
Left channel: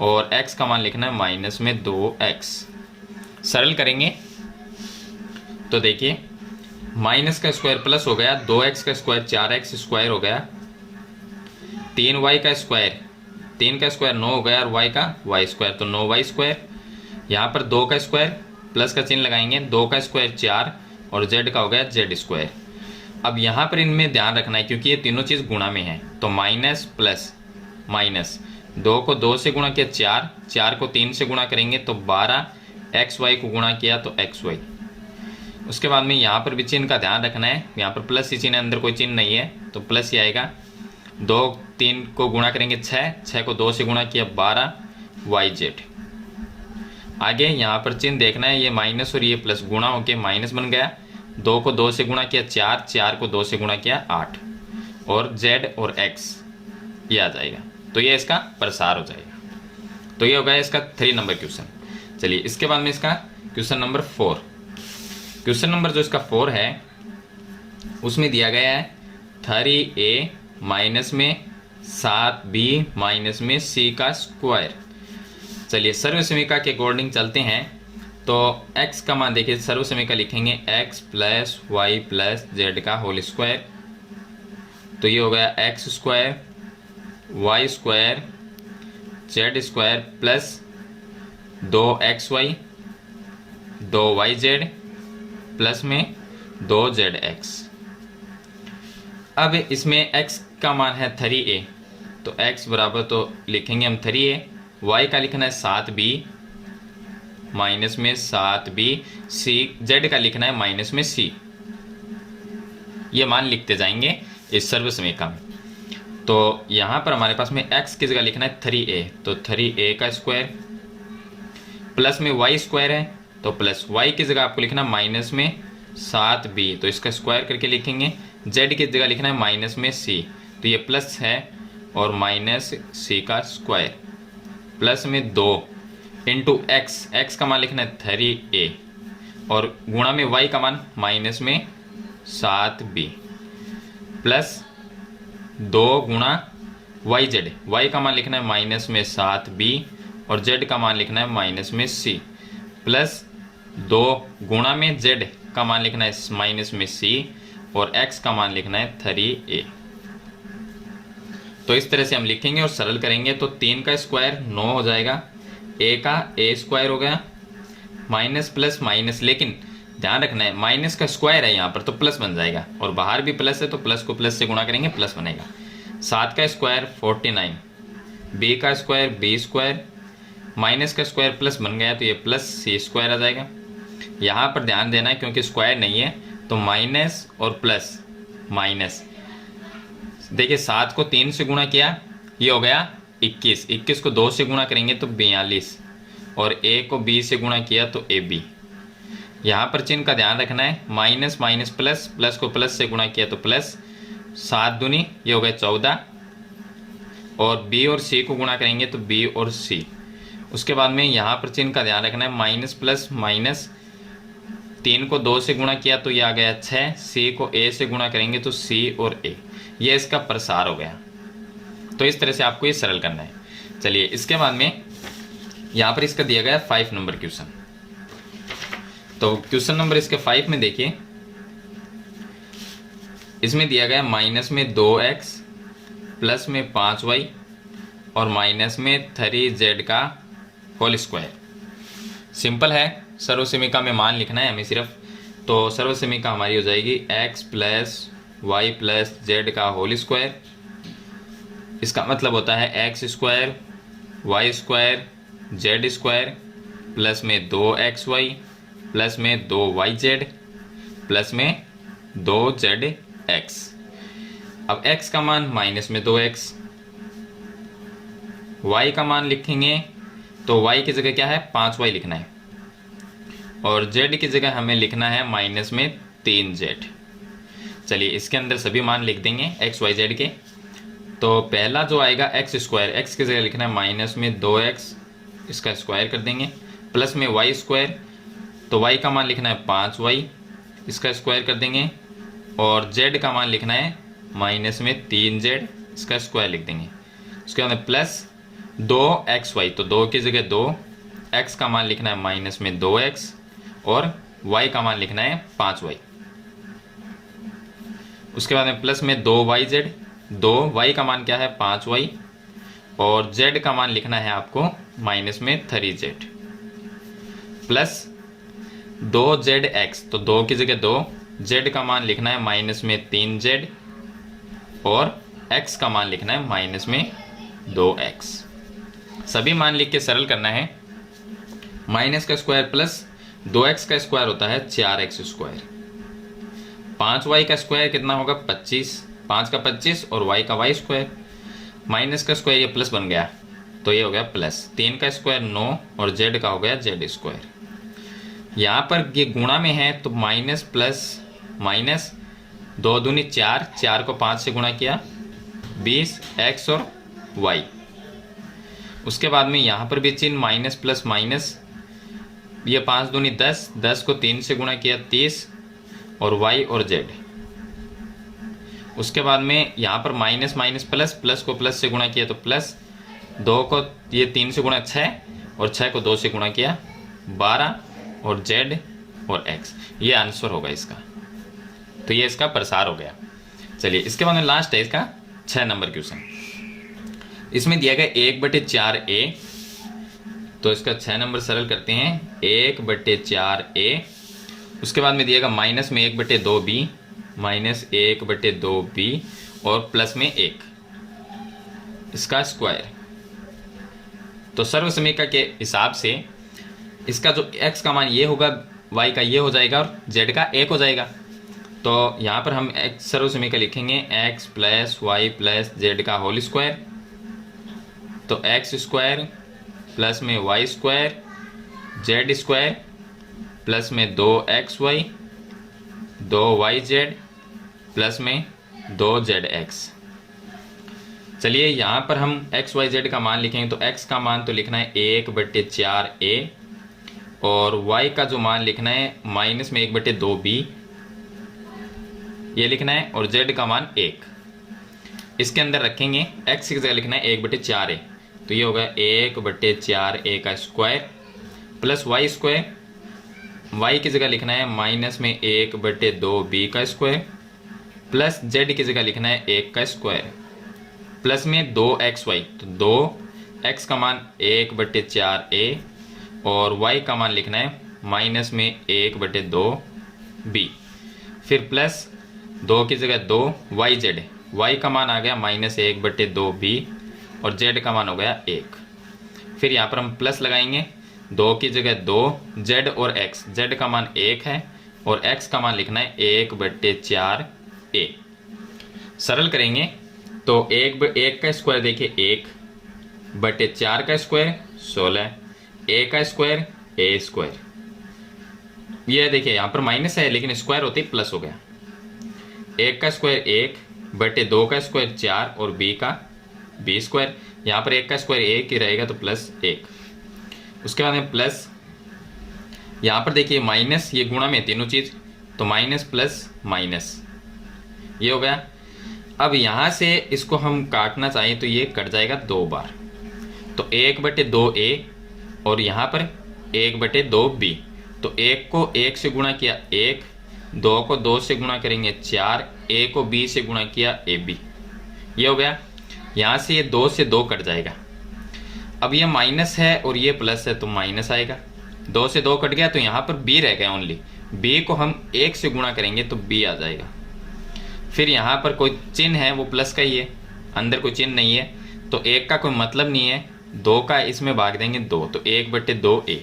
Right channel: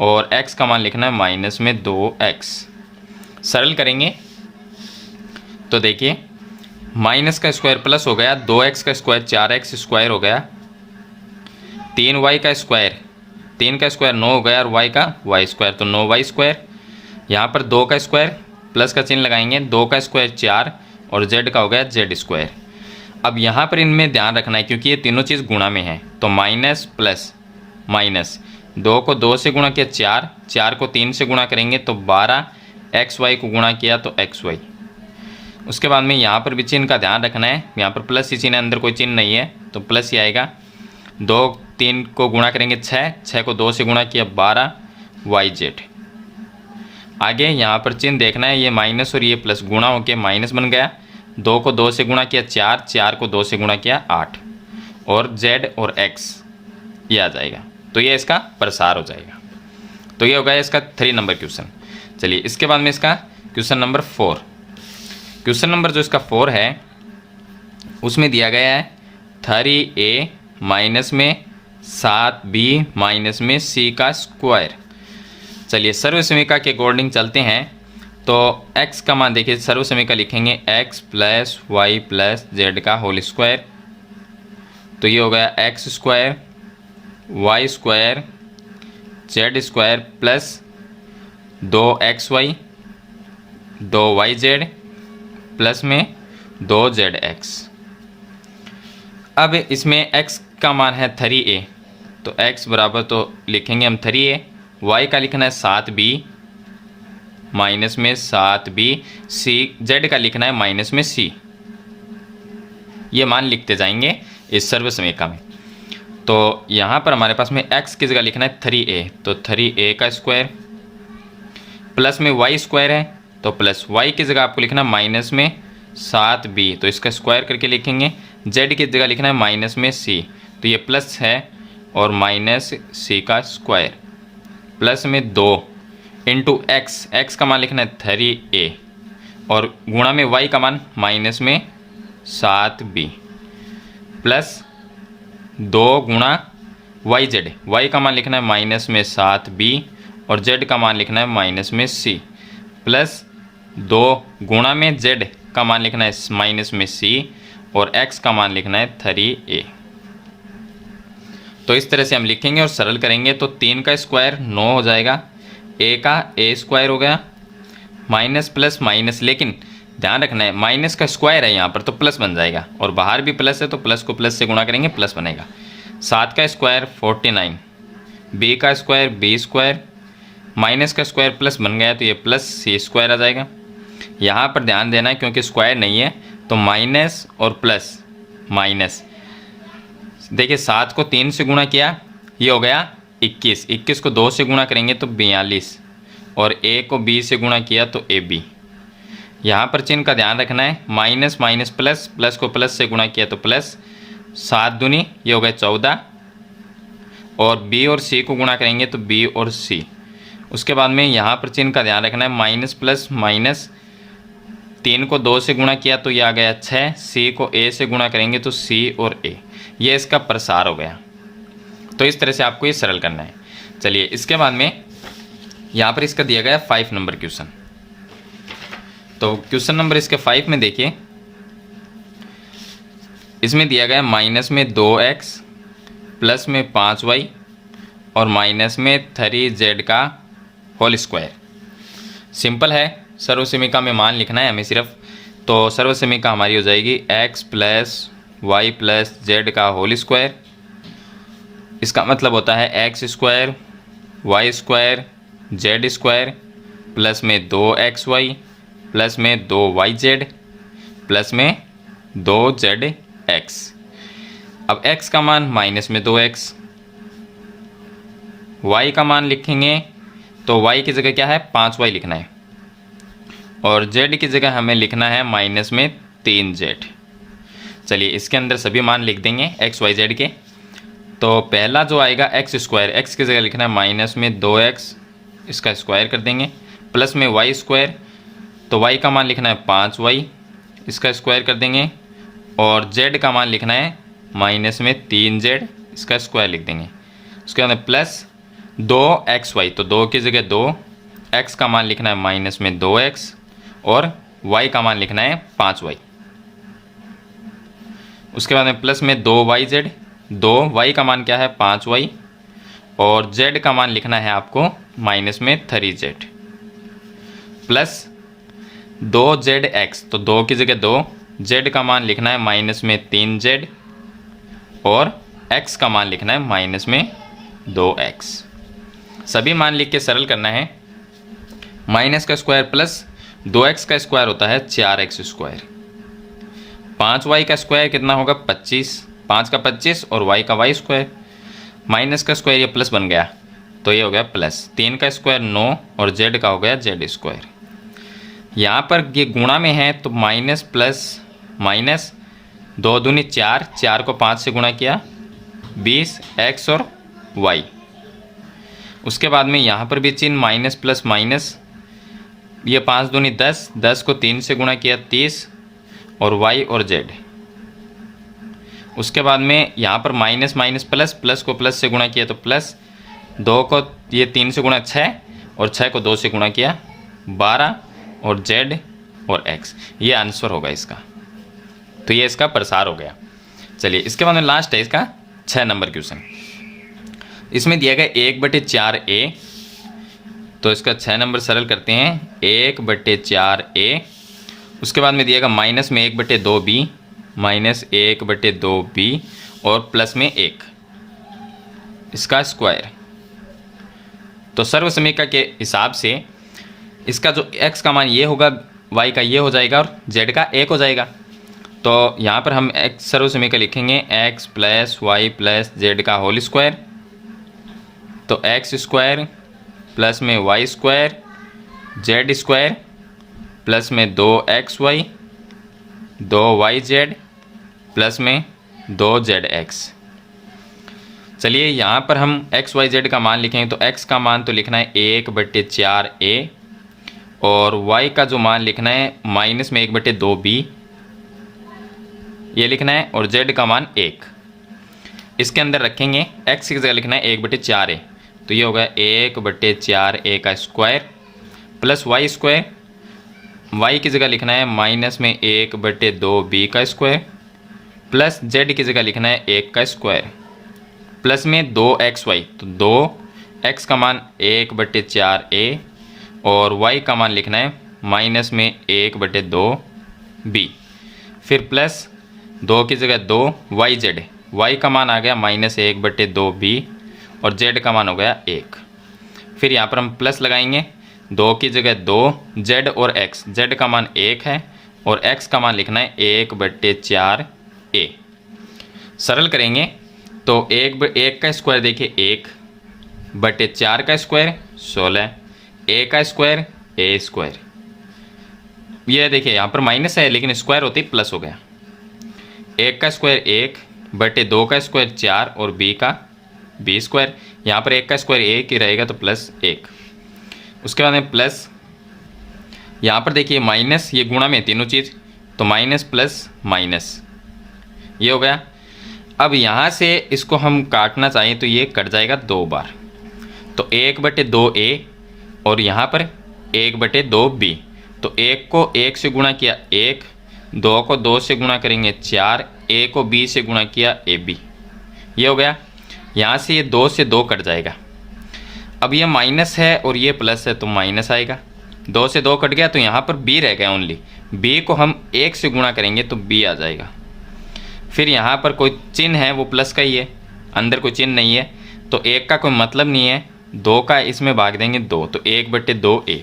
और x का मान लिखना है माइनस में 2x। सरल करेंगे तो देखिए माइनस का स्क्वायर प्लस हो गया, 2x का स्क्वायर 4x स्क्वायर हो गया, 3y का स्क्वायर 3 का स्क्वायर 9 हो गया और y का y स्क्वायर, तो 9y स्क्वायर। यहाँ पर 2 का स्क्वायर प्लस का चिन्ह लगाएंगे, 2 का स्क्वायर 4 और z का हो गया z स्क्वायर। अब यहाँ पर इनमें ध्यान रखना है क्योंकि ये तीनों चीज़ गुणा में है, तो माइनस प्लस माइनस, 2 को 2 से गुणा किया 4, 4 को 3 से गुणा करेंगे तो 12, xy को गुणा किया तो xy। उसके बाद में यहाँ पर भी चिन्ह का ध्यान रखना है, यहाँ पर प्लस ही चिन्ह है, अंदर कोई चिन्ह नहीं है तो प्लस ही आएगा। 2 3 को गुणा करेंगे 6, 6 को 2 से गुणा किया 12 yz। आगे यहाँ पर चिन्ह देखना है, ये माइनस और ये प्लस गुणा होके माइनस बन गया। 2 को 2 से गुणा किया 4, 4 को 2 से गुणा किया 8 और z और x ये आ जाएगा, तो ये इसका प्रसार हो जाएगा। तो ये हो गया इसका 3 नंबर क्वेश्चन। चलिए इसके बाद में इसका क्वेश्चन नंबर 4। क्वेश्चन नंबर जो इसका 4 है उसमें दिया गया है 3a माइनस में 7b माइनस में c का स्क्वायर। चलिए सर्वसमीका के अकॉर्डिंग चलते हैं, तो x का मान देखिए, सर्वसमीका लिखेंगे x plus Y plus Z का होल स्क्वायर, तो ये हो गया x square Y square Z square plus 2xy 2yz plus में 2zx। अब इसमें x का मान है 3a, तो x बराबर तो लिखेंगे हम 3a, y का लिखना है 7b माइनस में 7b, c z का लिखना है माइनस में c। ये मान लिखते जाएंगे इस सर्वसमीका में। तो यहाँ पर हमारे पास में x की जगह लिखना है 3a, तो 3a का स्क्वायर प्लस में y स्क्वायर है, तो प्लस y की जगह आपको लिखना है माइनस में 7b, तो इसका स्क्वायर करके लिखेंगे। z की जगह लिखना है माइनस में c, तो ये प्लस है और माइनस c का स्क्वायर प्लस में 2 इंटू x का मान लिखना है 3a और गुणा में y का मान माइनस में 7b प्लस 2 गुणा y का मान लिखना है माइनस में 7b और z का मान लिखना है माइनस में c प्लस 2 गुणा में z का मान लिखना है माइनस में c और x का मान लिखना है 3a। तो इस तरह से हम लिखेंगे और सरल करेंगे, तो 3 का स्क्वायर 9 हो जाएगा, a का a स्क्वायर हो गया माइनस प्लस माइनस, लेकिन ध्यान रखना है माइनस का स्क्वायर है यहाँ पर तो प्लस बन जाएगा और बाहर भी प्लस है तो प्लस को प्लस से गुणा करेंगे प्लस बनेगा। 7 का स्क्वायर 49, b का स्क्वायर b स्क्वायर माइनस का स्क्वायर प्लस बन गया तो ये प्लस c स्क्वायर आ जाएगा। यहाँ पर ध्यान देना है क्योंकि स्क्वायर नहीं है तो माइनस और प्लस माइनस, देखिए 7 को 3 से गुणा किया ये हो गया 21, 21 को 2 से गुणा करेंगे तो 42 और a को b से गुणा किया तो ab। यहाँ पर चिन्ह का ध्यान रखना है, माइनस माइनस प्लस, प्लस को प्लस से गुणा किया तो प्लस, 7 दूनी ये हो गया 14 और b और c को गुणा करेंगे तो b और c। उसके बाद में यहाँ पर चिन्ह का ध्यान रखना है, माइनस प्लस माइनस, 3 को 2 से गुणा किया तो ये आ गया 6, c को a से गुणा करेंगे तो c और a, ये इसका प्रसार हो गया। तो इस तरह से आपको ये सरल करना है। चलिए इसके बाद में यहाँ पर इसका दिया गया 5 नंबर क्वेश्चन। तो क्वेश्चन नंबर इसके 5 में देखिए, इसमें दिया गया माइनस में 2x प्लस में 5y और माइनस में 3z का होल स्क्वायर। सिंपल है, सर्वसमीका में मान लिखना है हमें सिर्फ, तो सर्वसमीका हमारी हो जाएगी x plus Y plus Z का होल स्क्वायर। इसका मतलब होता है x square Y square Z square plus में 2xy प्लस में 2yz प्लस में 2zx। अब x का मान माइनस में 2x, y का मान लिखेंगे तो y की जगह क्या है 5y लिखना है और z की जगह हमें लिखना है माइनस में 3z। चलिए इसके अंदर सभी मान लिख देंगे x y z के। तो पहला जो आएगा x स्क्वायर, x की जगह लिखना है माइनस में 2x, इसका स्क्वायर कर देंगे प्लस में y स्क्वायर, तो y का मान लिखना है 5y, इसका स्क्वायर कर देंगे और z का मान लिखना है माइनस में 3z, इसका स्क्वायर लिख देंगे। उसके बाद प्लस 2xy, तो 2 की जगह 2, x का मान लिखना है माइनस में 2x और y का मान लिखना है 5y। उसके बाद में प्लस में 2yz, 2y का मान क्या है 5y और z का मान लिखना है आपको माइनस में 3z प्लस 2zx, तो 2 की जगह 2, z का मान लिखना है माइनस में 3z और x का मान लिखना है माइनस में 2x। सभी मान लिख के सरल करना है। माइनस का स्क्वायर प्लस 2x का स्क्वायर होता है 4x स्क्वायर। 5y का स्क्वायर कितना होगा 25, 5 का 25 और y का y स्क्वायर। माइनस का स्क्वायर ये प्लस बन गया तो ये हो गया प्लस, 3 का स्क्वायर 9 और z का हो गया z स्क्वायर। यहाँ पर ये गुणा में है तो माइनस प्लस माइनस, 2 दूनी 4, 4 को 5 से गुणा किया 20 x और y। उसके बाद में यहाँ पर भी चिन्ह माइनस प्लस माइनस, ये 5 दूनी 10, 10 को 3 से गुणा किया 30 और y और z। उसके बाद में यहाँ पर माइनस माइनस प्लस, प्लस को प्लस से गुणा किया तो प्लस, 2 को ये 3 से गुणा 6 और 6 को 2 से गुणा किया 12 और z और x। ये आंसर होगा इसका। तो ये इसका प्रसार हो गया। चलिए इसके बाद में लास्ट है इसका 6 नंबर क्वेश्चन। इसमें दिया गया 1/4a, तो इसका 6 नंबर सरल करते हैं। 1/4a, उसके बाद में दिएगा माइनस में 1/2b, माइनस 1/2b और प्लस में 1 इसका स्क्वायर। तो सर्व समीकरण के हिसाब से इसका जो x का मान ये होगा, y का ये हो जाएगा और z का 1 हो जाएगा। तो यहाँ पर हम x सर्व समीकरण लिखेंगे x plus Y plus Z का होल स्क्वायर। तो x स्क्वायर प्लस में y square Z square plus में 2xy 2yz प्लस में 2zx। चलिए यहाँ पर हम x y z का मान लिखेंगे तो x का मान तो लिखना है 1/4a और y का जो मान लिखना है माइनस में 1/2b ये लिखना है और z का मान 1 इसके अंदर रखेंगे। x की जगह लिखना है 1/4a, तो ये होगा 1/4a का square plus y square, y की जगह लिखना है माइनस में 1/2b का स्क्वायर प्लस z की जगह लिखना है 1 का स्क्वायर प्लस में 2xy, तो 2x का मान 1/4a और y का मान लिखना है माइनस में 1/2b, फिर प्लस 2 की जगह 2 yz, y का मान आ गया माइनस 1/2b और z का मान हो गया 1। फिर यहाँ पर हम प्लस लगाएंगे, 2 की जगह 2 z और x, z का मान 1 है और x का मान लिखना है 1/4a। सरल करेंगे तो 1 का स्क्वायर देखिए 1/4 का स्क्वायर 16, a का स्क्वायर a स्क्वायर। ये देखिए यहाँ पर माइनस है लेकिन स्क्वायर होते ही प्लस हो गया। 1 का स्क्वायर 1/2 का स्क्वायर 4 और b का b स्क्वायर। यहाँ पर 1 का स्क्वायर 1 ही रहेगा तो प्लस 1। उसके बाद में प्लस, यहाँ पर देखिए माइनस, ये गुणा में तीनों चीज़, तो माइनस प्लस माइनस ये हो गया। अब यहाँ से इसको हम काटना चाहें तो ये कट जाएगा 2 बार, तो 1/2a और यहाँ पर 1/2b, तो 1 को 1 से गुणा किया 1, 2 को 2 से गुणा करेंगे 4, a को b से गुणा किया ab, ये हो गया। यहाँ से ये 2 से 2 कट जाएगा। अब ये माइनस है और ये प्लस है तो माइनस आएगा, 2 से 2 कट गया तो यहाँ पर b रह गया ओनली, b को हम 1 से गुणा करेंगे तो b आ जाएगा। फिर यहाँ पर कोई चिन्ह है वो प्लस का ही है, अंदर कोई चिन्ह नहीं है तो 1 का कोई मतलब नहीं है, 2 का इसमें भाग देंगे 2, तो 1/2a,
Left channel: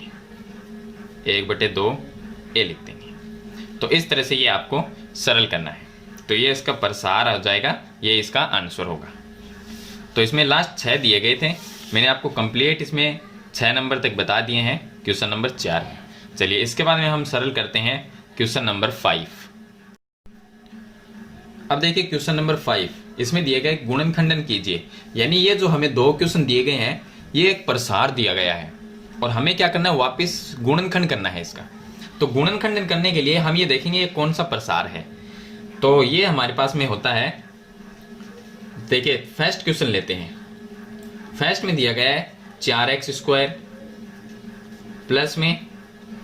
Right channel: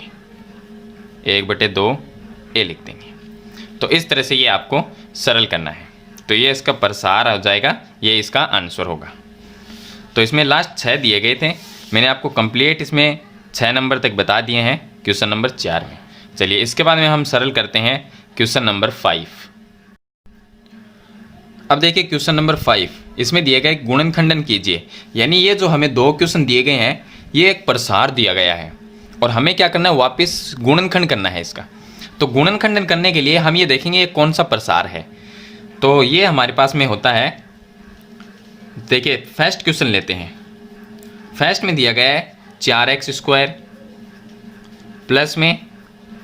1/2a लिख देंगे। तो इस तरह से ये आपको सरल करना है, तो ये इसका प्रसार हो जाएगा, ये इसका आंसर होगा। तो इसमें लास्ट 6 दिए गए थे, मैंने आपको कंप्लीट इसमें 6 नंबर तक बता दिए हैं क्वेश्चन नंबर 4 में। चलिए इसके बाद में हम सरल करते हैं क्वेश्चन नंबर 5। अब देखिए क्वेश्चन नंबर 5, इसमें दिया गया है गुणनखंडन कीजिए, यानी ये जो हमें 2 क्वेश्चन दिए गए हैं ये एक प्रसार दिया गया है और हमें क्या करना है, वापस गुणनखंड करना है इसका। तो गुणनखंडन करने के लिए हम ये देखेंगे ये कौन सा प्रसार है। तो ये हमारे पास में होता है, देखिए फर्स्ट क्वेश्चन लेते हैं। फर्स्ट में दिया गया है 4x स्क्वायर प्लस में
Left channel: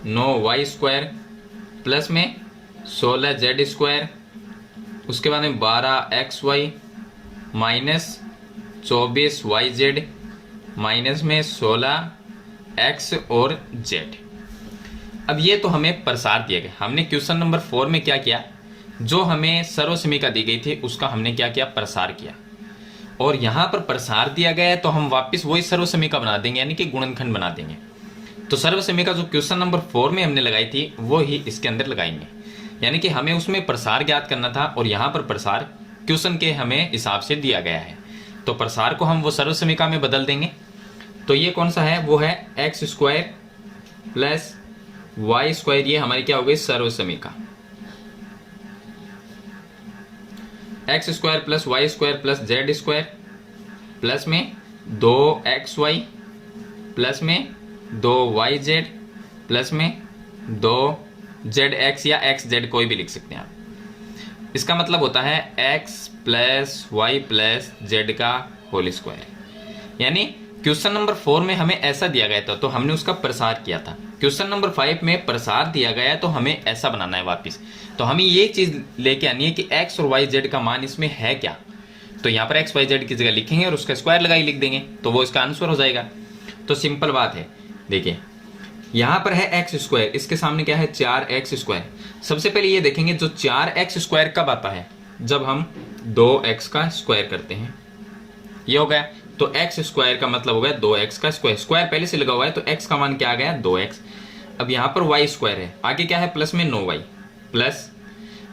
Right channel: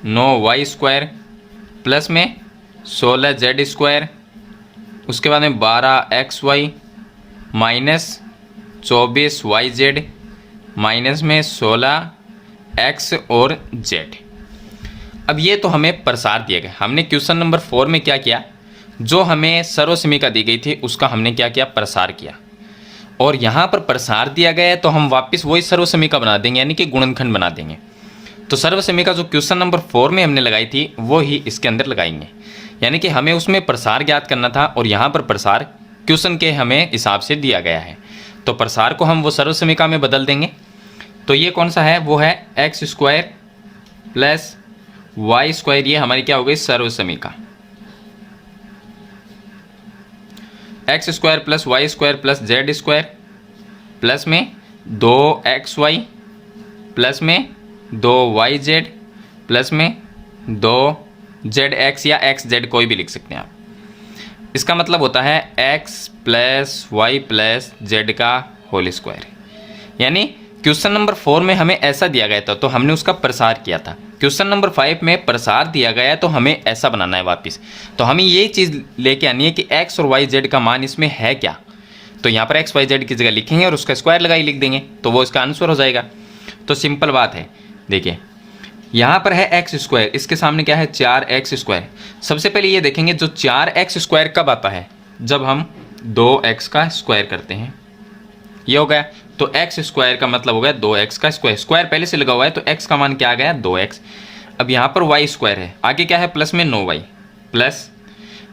9y स्क्वायर प्लस में 16z स्क्वायर, उसके बाद में 12xy माइनस 24yz माइनस में 16x और z। अब ये तो हमें प्रसार दिया गया। हमने क्वेश्चन नंबर 4 में क्या किया, जो हमें सर्वसमीका दी गई थी उसका हमने क्या किया, प्रसार किया। और यहाँ पर प्रसार दिया गया है तो हम वापस वही सर्वसमीका बना देंगे, यानी कि गुणनखंड बना देंगे। तो सर्वसमीका जो क्वेश्चन नंबर 4 में हमने लगाई थी वो ही इसके अंदर लगाएंगे, यानी कि हमें उसमें प्रसार ज्ञात करना था और यहाँ पर प्रसार क्वेश्चन के हमें हिसाब से दिया गया है। तो प्रसार को हम वो सर्वसमीका में बदल देंगे। तो ये कौन सा है, वो है X square plus Y square, ये हमारी क्या हो गई, सर्वसमीका। X square plus Y square plus Z square plus में 2xy प्लस में 2yz प्लस में 2zx या xz, कोई भी लिख सकते हैं आप। इसका मतलब होता है x plus Y plus Z का होल स्क्वायर। यानी क्वेश्चन नंबर 4 में हमें ऐसा दिया गया था तो हमने उसका प्रसार किया था। क्वेश्चन नंबर 5 में प्रसार दिया गया है तो हमें ऐसा बनाना है वापस। तो हमें ये चीज़ लेके आनी है कि x और y z का मान इसमें है क्या। तो यहाँ पर x y z की जगह लिखेंगे और उसका स्क्वायर लगाई लिख देंगे तो वो इसका आंसर हो जाएगा। तो सिंपल बात है। देखिए यहाँ पर है एक्स स्क्वायर, इसके सामने क्या है 4x स्क्वायर। सबसे पहले ये देखेंगे जो 4x स्क्वायर कब आता है, जब हम 2x का स्क्वायर करते हैं। ये हो गया। तो x स्क्वायर का मतलब हो गया 2x का स्क्वायर। स्क्वायर पहले से लगा हुआ है तो x का मान क्या आ गया, 2x। अब यहाँ पर y स्क्वायर है, आगे क्या है प्लस में 9y प्लस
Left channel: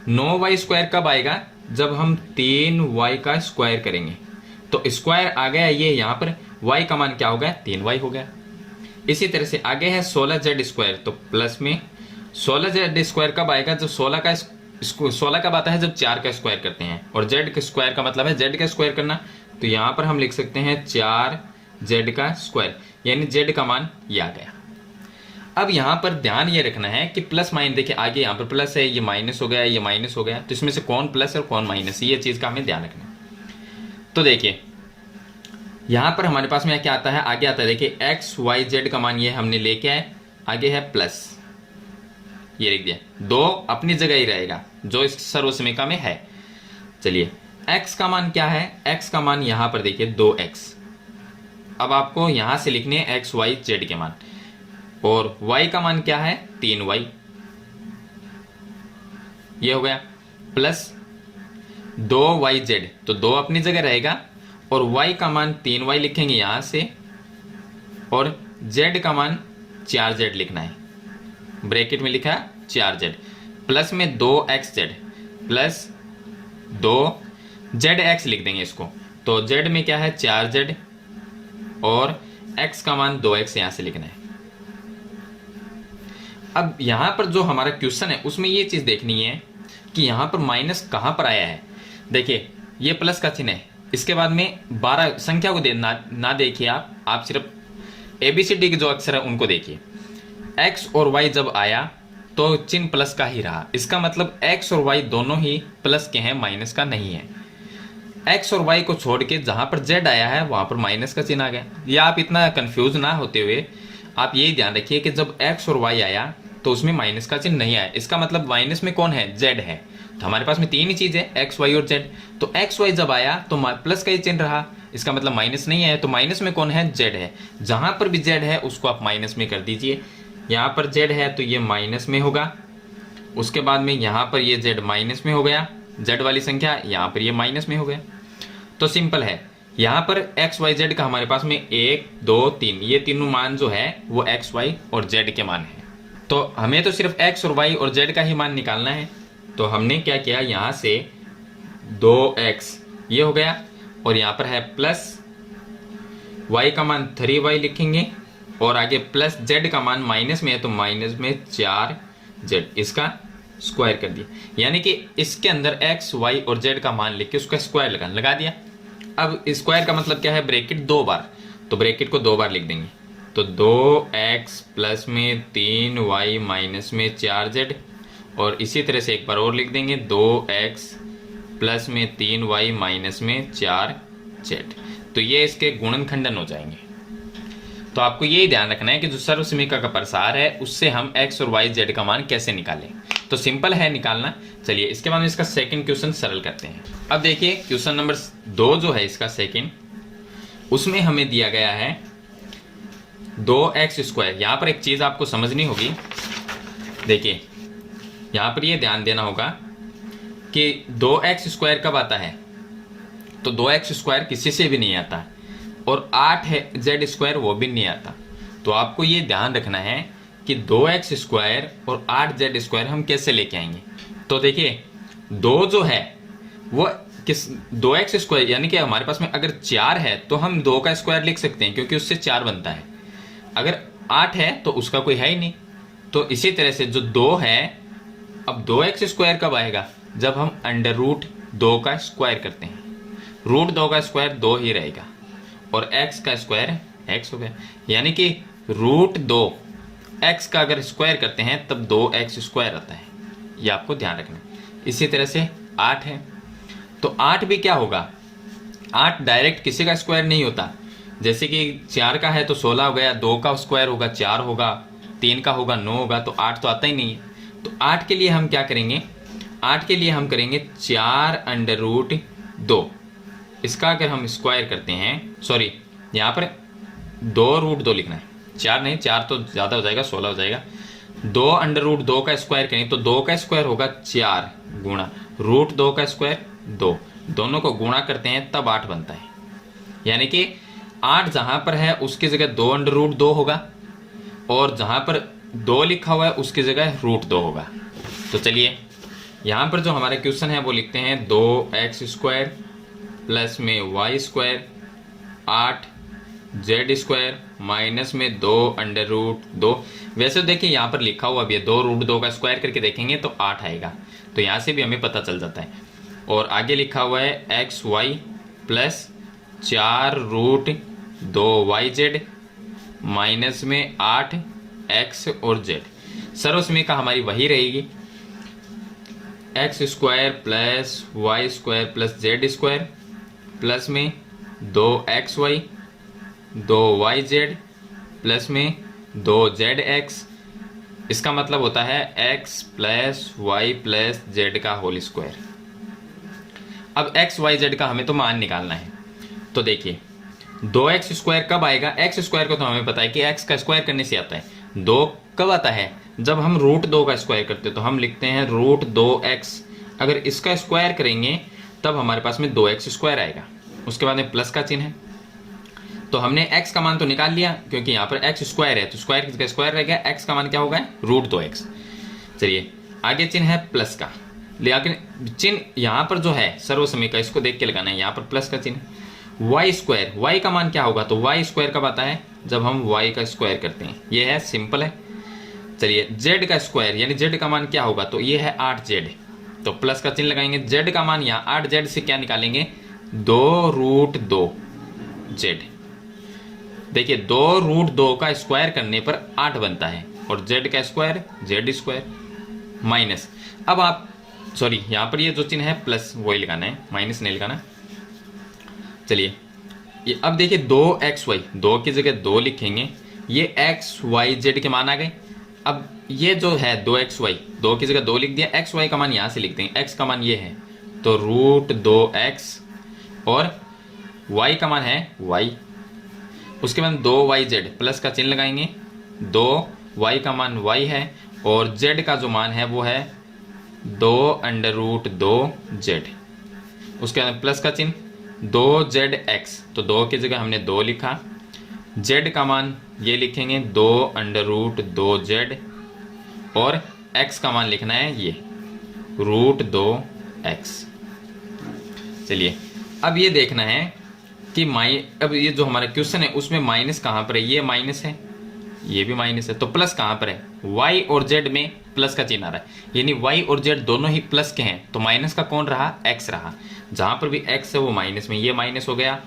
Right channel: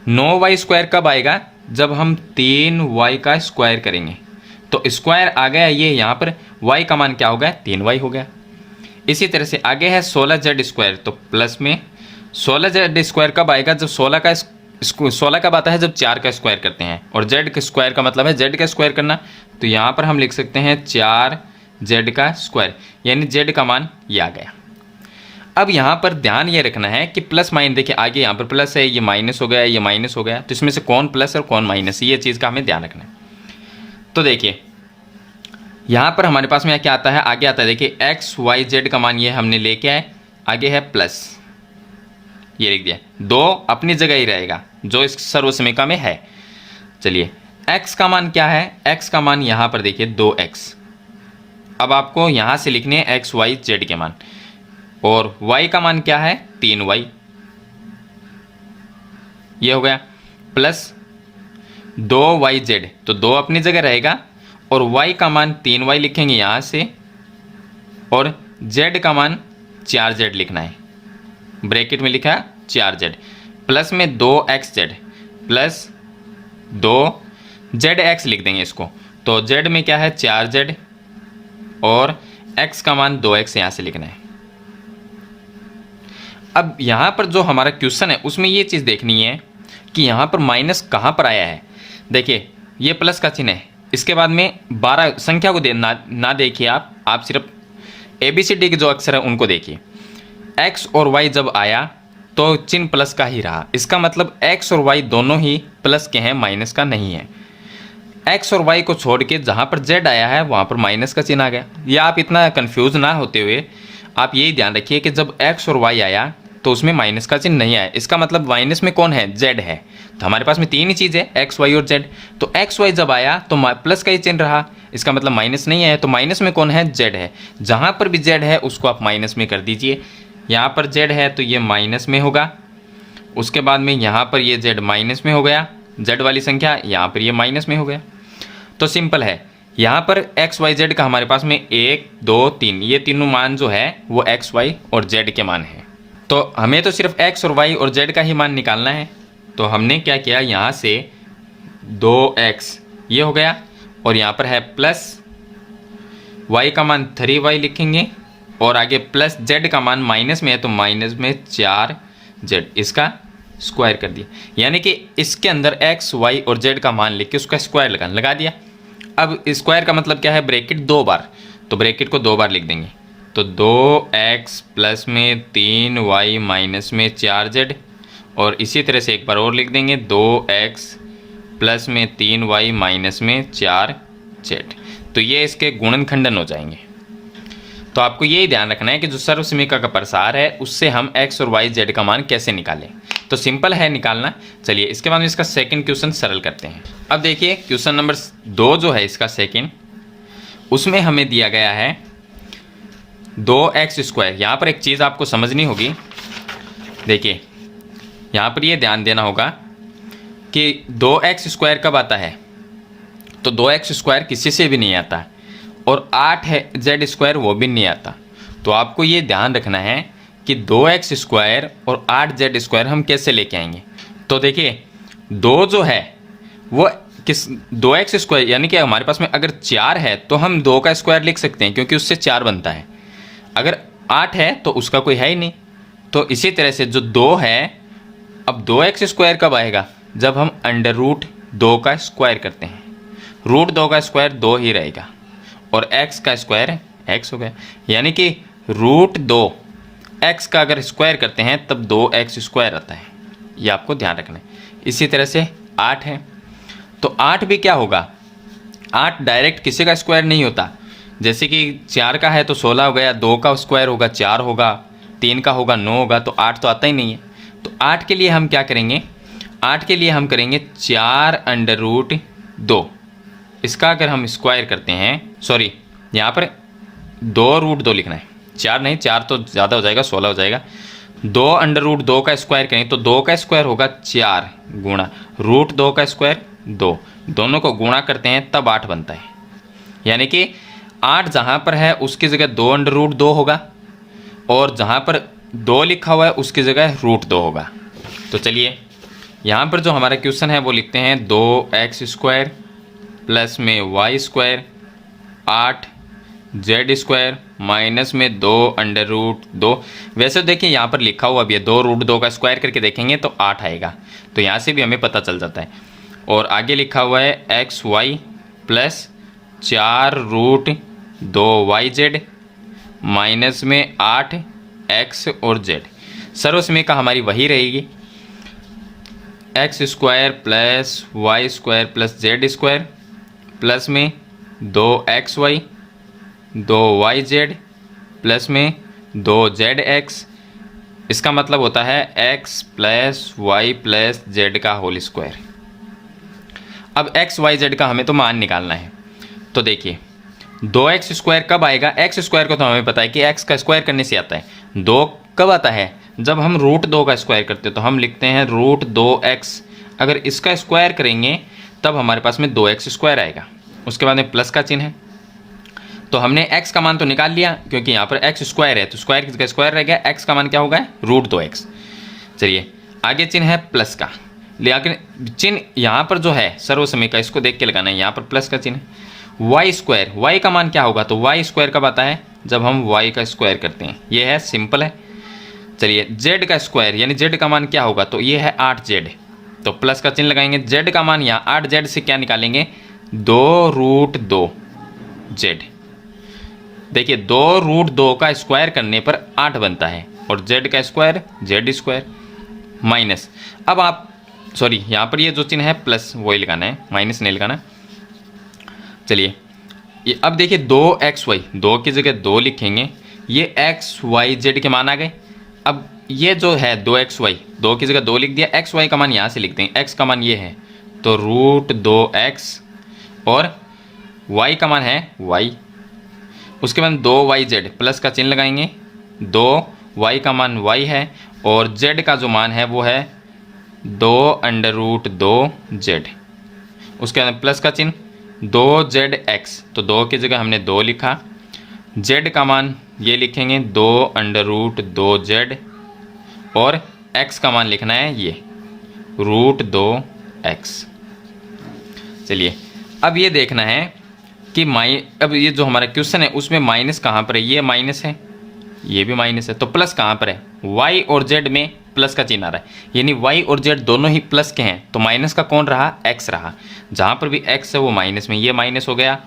9y स्क्वायर कब आएगा, जब हम 3y का स्क्वायर करेंगे। तो स्क्वायर आ गया ये, यहाँ पर y का मान क्या हो गया, 3y हो गया। इसी तरह से आगे है 16z स्क्वायर, तो प्लस में 16z स्क्वायर कब आएगा, जब 16 कब आता है, जब 4 का स्क्वायर करते हैं। और z का स्क्वायर का मतलब है z का स्क्वायर करना। तो यहाँ पर हम लिख सकते हैं 4z का स्क्वायर, यानी z का मान ये आ गया। अब यहाँ पर ध्यान ये रखना है कि प्लस माइनस, देखिए आगे यहाँ पर प्लस है, ये माइनस हो गया, ये माइनस हो गया, तो इसमें से कौन प्लस और कौन माइनस, ये चीज़ का हमें ध्यान रखना है। तो देखिए यहाँ पर हमारे पास में क्या आता है, आगे आता है देखिए एक्स वाई जेड का मान ये हमने लेके आए, आगे है प्लस, ये लिख दिया। 2 अपनी जगह ही रहेगा जो इस सर्वसमीका में है। चलिए x का मान क्या है, x का मान यहाँ पर देखिए 2x। अब आपको यहाँ से लिखने हैं x y z के मान, और y का मान क्या है 3y, ये हो गया। प्लस 2yz, तो 2 अपनी जगह रहेगा और y का मान 3y लिखेंगे यहाँ से, और z का मान 4z लिखना है, ब्रैकेट में लिखा 4z प्लस में 2xz प्लस 2zx लिख देंगे इसको। तो z में क्या है 4z और x का मान 2x यहाँ से लिखना है। अब यहाँ पर जो हमारा क्वेश्चन है उसमें ये चीज़ देखनी है कि यहाँ पर माइनस कहाँ पर आया है। देखिए ये प्लस का चिन्ह है, इसके बाद में 12 संख्या को ना देखिए आप सिर्फ ABCD के जो अक्षर है उनको देखिए। x और y जब आया तो चिन्ह प्लस का ही रहा, इसका मतलब x और y दोनों ही प्लस के हैं, माइनस का नहीं है। x और y को छोड़ के जहाँ पर z आया है वहाँ पर माइनस का चिन्ह आ गया। या आप इतना कंफ्यूज ना होते हुए आप यही ध्यान रखिए कि जब x और y आया तो उसमें माइनस का चिन्ह नहीं आया, इसका मतलब माइनस में कौन है, z है। तो हमारे पास में 3 ही चीज़ है x y और z। तो x y जब आया तो प्लस का ही चिन्ह रहा, इसका मतलब माइनस नहीं आया। तो माइनस में कौन है, z है। जहाँ पर भी z है उसको आप माइनस में कर दीजिए। यहाँ पर z है तो ये माइनस में होगा, उसके बाद में यहाँ पर ये z माइनस में हो गया, z वाली संख्या यहाँ पर ये माइनस में हो गया। तो सिंपल है, यहाँ पर x y z का हमारे पास में 1 2 3 ये तीनों मान जो है वो x y और z के मान है। तो हमें तो सिर्फ x और y और z का ही मान निकालना है। तो हमने क्या किया, यहाँ से 2x ये हो गया और यहाँ पर है प्लस y का मान 3y लिखेंगे और आगे प्लस z का मान माइनस में है तो माइनस में 4z, इसका स्क्वायर कर दिया। यानी कि इसके अंदर x y और z का मान लिख के उसका स्क्वायर लगा दिया। अब स्क्वायर का मतलब क्या है, ब्रैकेट 2 बार, तो ब्रैकेट को 2 बार लिख देंगे। तो 2x प्लस में 3y माइनस में 4z, और इसी तरह से एक बार और लिख देंगे 2x प्लस में 3y माइनस में 4z। तो ये इसके गुणनखंडन हो जाएंगे। तो आपको ये ध्यान रखना है कि जो सर्वसमीका का प्रसार है उससे हम x और y z का मान कैसे निकालें। तो सिंपल है निकालना। चलिए इसके बाद में इसका सेकंड क्वेश्चन सरल करते हैं। अब देखिए क्वेश्चन नंबर 2 जो है इसका सेकंड, उसमें हमें दिया गया है 2x²। यहाँ पर एक चीज़ आपको समझनी होगी, देखिए यहाँ पर ये ध्यान देना होगा कि 2x² कब आता है, तो 2x² किसी से भी नहीं आता, और 8z² वो भी नहीं आता। तो आपको ये ध्यान रखना है कि 2x² और 8z² हम कैसे लेके आएंगे। तो देखिए 2 जो है वो किस 2x² यानी कि हमारे पास में अगर 4 है तो हम 2 का स्क्वायर लिख सकते हैं क्योंकि उससे 4 बनता है। अगर 8 है तो उसका कोई है ही नहीं। तो इसी तरह से जो 2 है, अब 2x² कब आएगा, जब हम √2 का स्क्वायर करते हैं। √2 का स्क्वायर 2 ही रहेगा और x का स्क्वायर x हो गया, यानी कि √2 x का अगर स्क्वायर करते हैं तब 2x² आता है। ये आपको ध्यान रखना है। इसी तरह से 8 है तो 8 भी क्या होगा, 8 डायरेक्ट किसी का स्क्वायर नहीं होता। जैसे कि 4 का है तो 16 हो गया, 2 का स्क्वायर होगा 4 होगा, 3 का होगा 9 होगा, तो 8 तो आता ही नहीं है। तो 8 के लिए हम क्या करेंगे, 8 के लिए हम करेंगे 4√2। इसका अगर हम स्क्वायर करते हैं, सॉरी यहाँ पर 2√2 लिखना है, 4 नहीं, 4 तो ज़्यादा हो जाएगा, 16 हो जाएगा। 2√2 का स्क्वायर करें तो 2 का स्क्वायर होगा 4 गुणा √2 का स्क्वायर 2, दोनों को गुणा करते हैं तब 8 बनता है। यानी कि 8 जहाँ पर है उसकी जगह 2√2 होगा, और जहाँ पर 2 लिखा हुआ है उसकी जगह √2 होगा। तो चलिए यहाँ पर जो हमारा क्वेश्चन है वो लिखते हैं 2x² प्लस में y² 8z² माइनस में 2√2। वैसे देखिए यहाँ पर लिखा हुआ भी है, 2√2 का स्क्वायर करके देखेंगे तो 8 आएगा, तो यहाँ से भी हमें पता चल जाता है। और आगे लिखा हुआ है xy प्लस 4√2yz माइनस में 8x और z। सर्वसमीका हमारी वही रहेगी, x² plus y² plus z² plus में 2xy 2yz प्लस में 2zx। इसका मतलब होता है x plus y plus z का होल स्क्वायर। अब x y z का हमें तो मान निकालना है। तो देखिए 2x² कब आएगा, x² को तो हमें पता है कि x का स्क्वायर करने से आता है। 2 कब आता है, जब हम √2 का स्क्वायर करते हैं, तो हम लिखते हैं √2x। अगर इसका स्क्वायर करेंगे तब हमारे पास में 2x² आएगा। उसके बाद में प्लस का चिन्ह है, तो हमने x का मान तो निकाल लिया क्योंकि यहाँ पर x² है, तो स्क्वायर किसका स्क्वायर रह गया, x का मान क्या होगा, √2x। चलिए आगे चिन्ह है प्लस का, लेकिन चिन्ह यहाँ पर जो है सर्वसमीका, इसको देख के लगाना है। यहाँ पर प्लस का चिन्ह, y², y का मान क्या होगा, तो y² कब आता है, जब हम y का स्क्वायर करते हैं। ये है सिंपल है। चलिए z का स्क्वायर यानी z का मान क्या होगा, तो ये है 8z, तो प्लस का चिन्ह लगाएंगे। z का मान यहाँ 8z से क्या निकालेंगे, 2√2z। देखिए 2√2 का स्क्वायर करने पर 8 बनता है, और z का स्क्वायर z² माइनस, अब आप सॉरी यहाँ पर ये जो चिन्ह है प्लस वही लगाना है, माइनस नहीं लगाना। चलिए ये अब देखिए 2xy, 2 की जगह 2 लिखेंगे, ये x y z के मान आ गए। अब ये जो है 2xy, 2 की जगह 2 लिख दिया, x y का मान यहाँ से लिख देंगे, x का मान ये है तो √2x, और y का मान है y। उसके बाद 2yz प्लस का चिन्ह लगाएंगे, 2y का मान y है और z का जो मान है वो है 2√2z। उसके बाद प्लस का चिन्ह 2zx, तो 2 की जगह हमने 2 लिखा, z का मान ये लिखेंगे 2√2z, और x का मान लिखना है ये √2x। चलिए अब ये देखना है कि अब ये जो हमारा क्वेश्चन है उसमें माइनस कहाँ पर है, ये माइनस है, ये भी माइनस है, तो प्लस कहाँ पर है, y और z में प्लस का चिन्ह आ रहा है, यानी y और z दोनों ही प्लस के हैं, तो माइनस का कौन रहा, x रहा। जहाँ पर भी x है वो माइनस में, ये माइनस हो गया,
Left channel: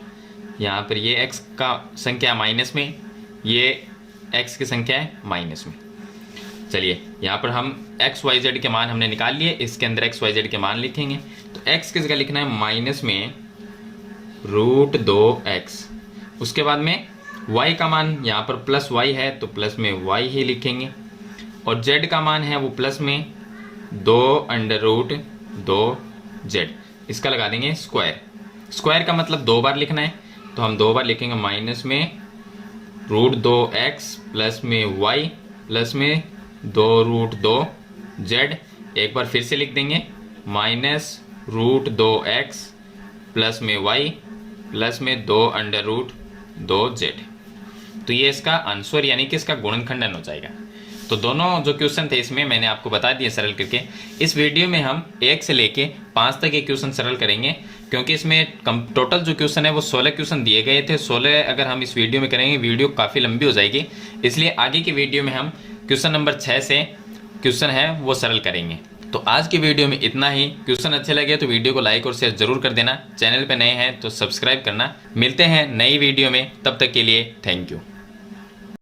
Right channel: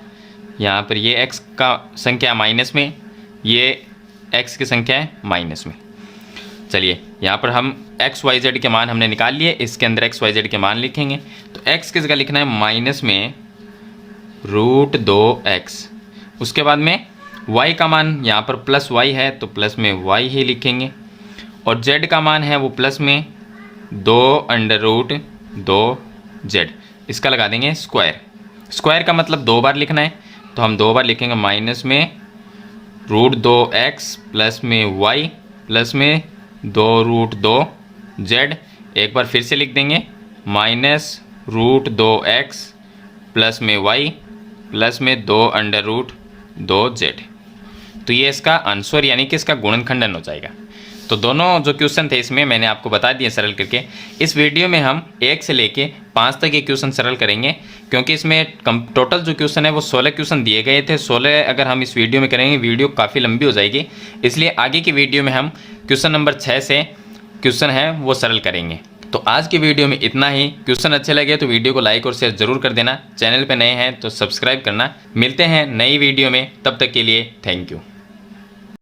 यहाँ पर ये x का संख्या माइनस में, ये x की संख्या है माइनस में। चलिए यहाँ पर हम x y z के मान हमने निकाल लिए, इसके अंदर x y z के मान लिखेंगे, तो x की जगह लिखना है माइनस में √2x। उसके बाद में y का मान यहाँ पर प्लस y है तो प्लस में y ही लिखेंगे, और z का मान है वो प्लस में 2√2z, इसका लगा देंगे स्क्वायर। स्क्वायर का मतलब 2 बार लिखना है, तो हम 2 बार लिखेंगे, माइनस में √2x प्लस में y प्लस में 2√2z। एक बार फिर से लिख देंगे -√2x प्लस में y प्लस में 2√2z। तो ये इसका आंसर यानी कि इसका गुणनखंडन हो जाएगा। तो दोनों जो क्वेश्चन थे इसमें मैंने आपको बता दिए सरल करके। इस वीडियो में हम 1 से लेके 5 तक ये क्वेश्चन सरल करेंगे, क्योंकि इसमें टोटल जो क्वेश्चन है वो 16 क्वेश्चन दिए गए थे। 16 अगर हम इस वीडियो में करेंगे वीडियो काफ़ी लंबी हो जाएगी, इसलिए आगे की वीडियो में हम क्वेश्चन नंबर 6 से क्वेश्चन है वो सरल करेंगे। तो आज की वीडियो में इतना ही। क्वेश्चन अच्छे लगे तो वीडियो को लाइक और शेयर जरूर कर देना। चैनल पे नए हैं तो सब्सक्राइब करना। मिलते हैं नई वीडियो में, तब तक के लिए थैंक यू।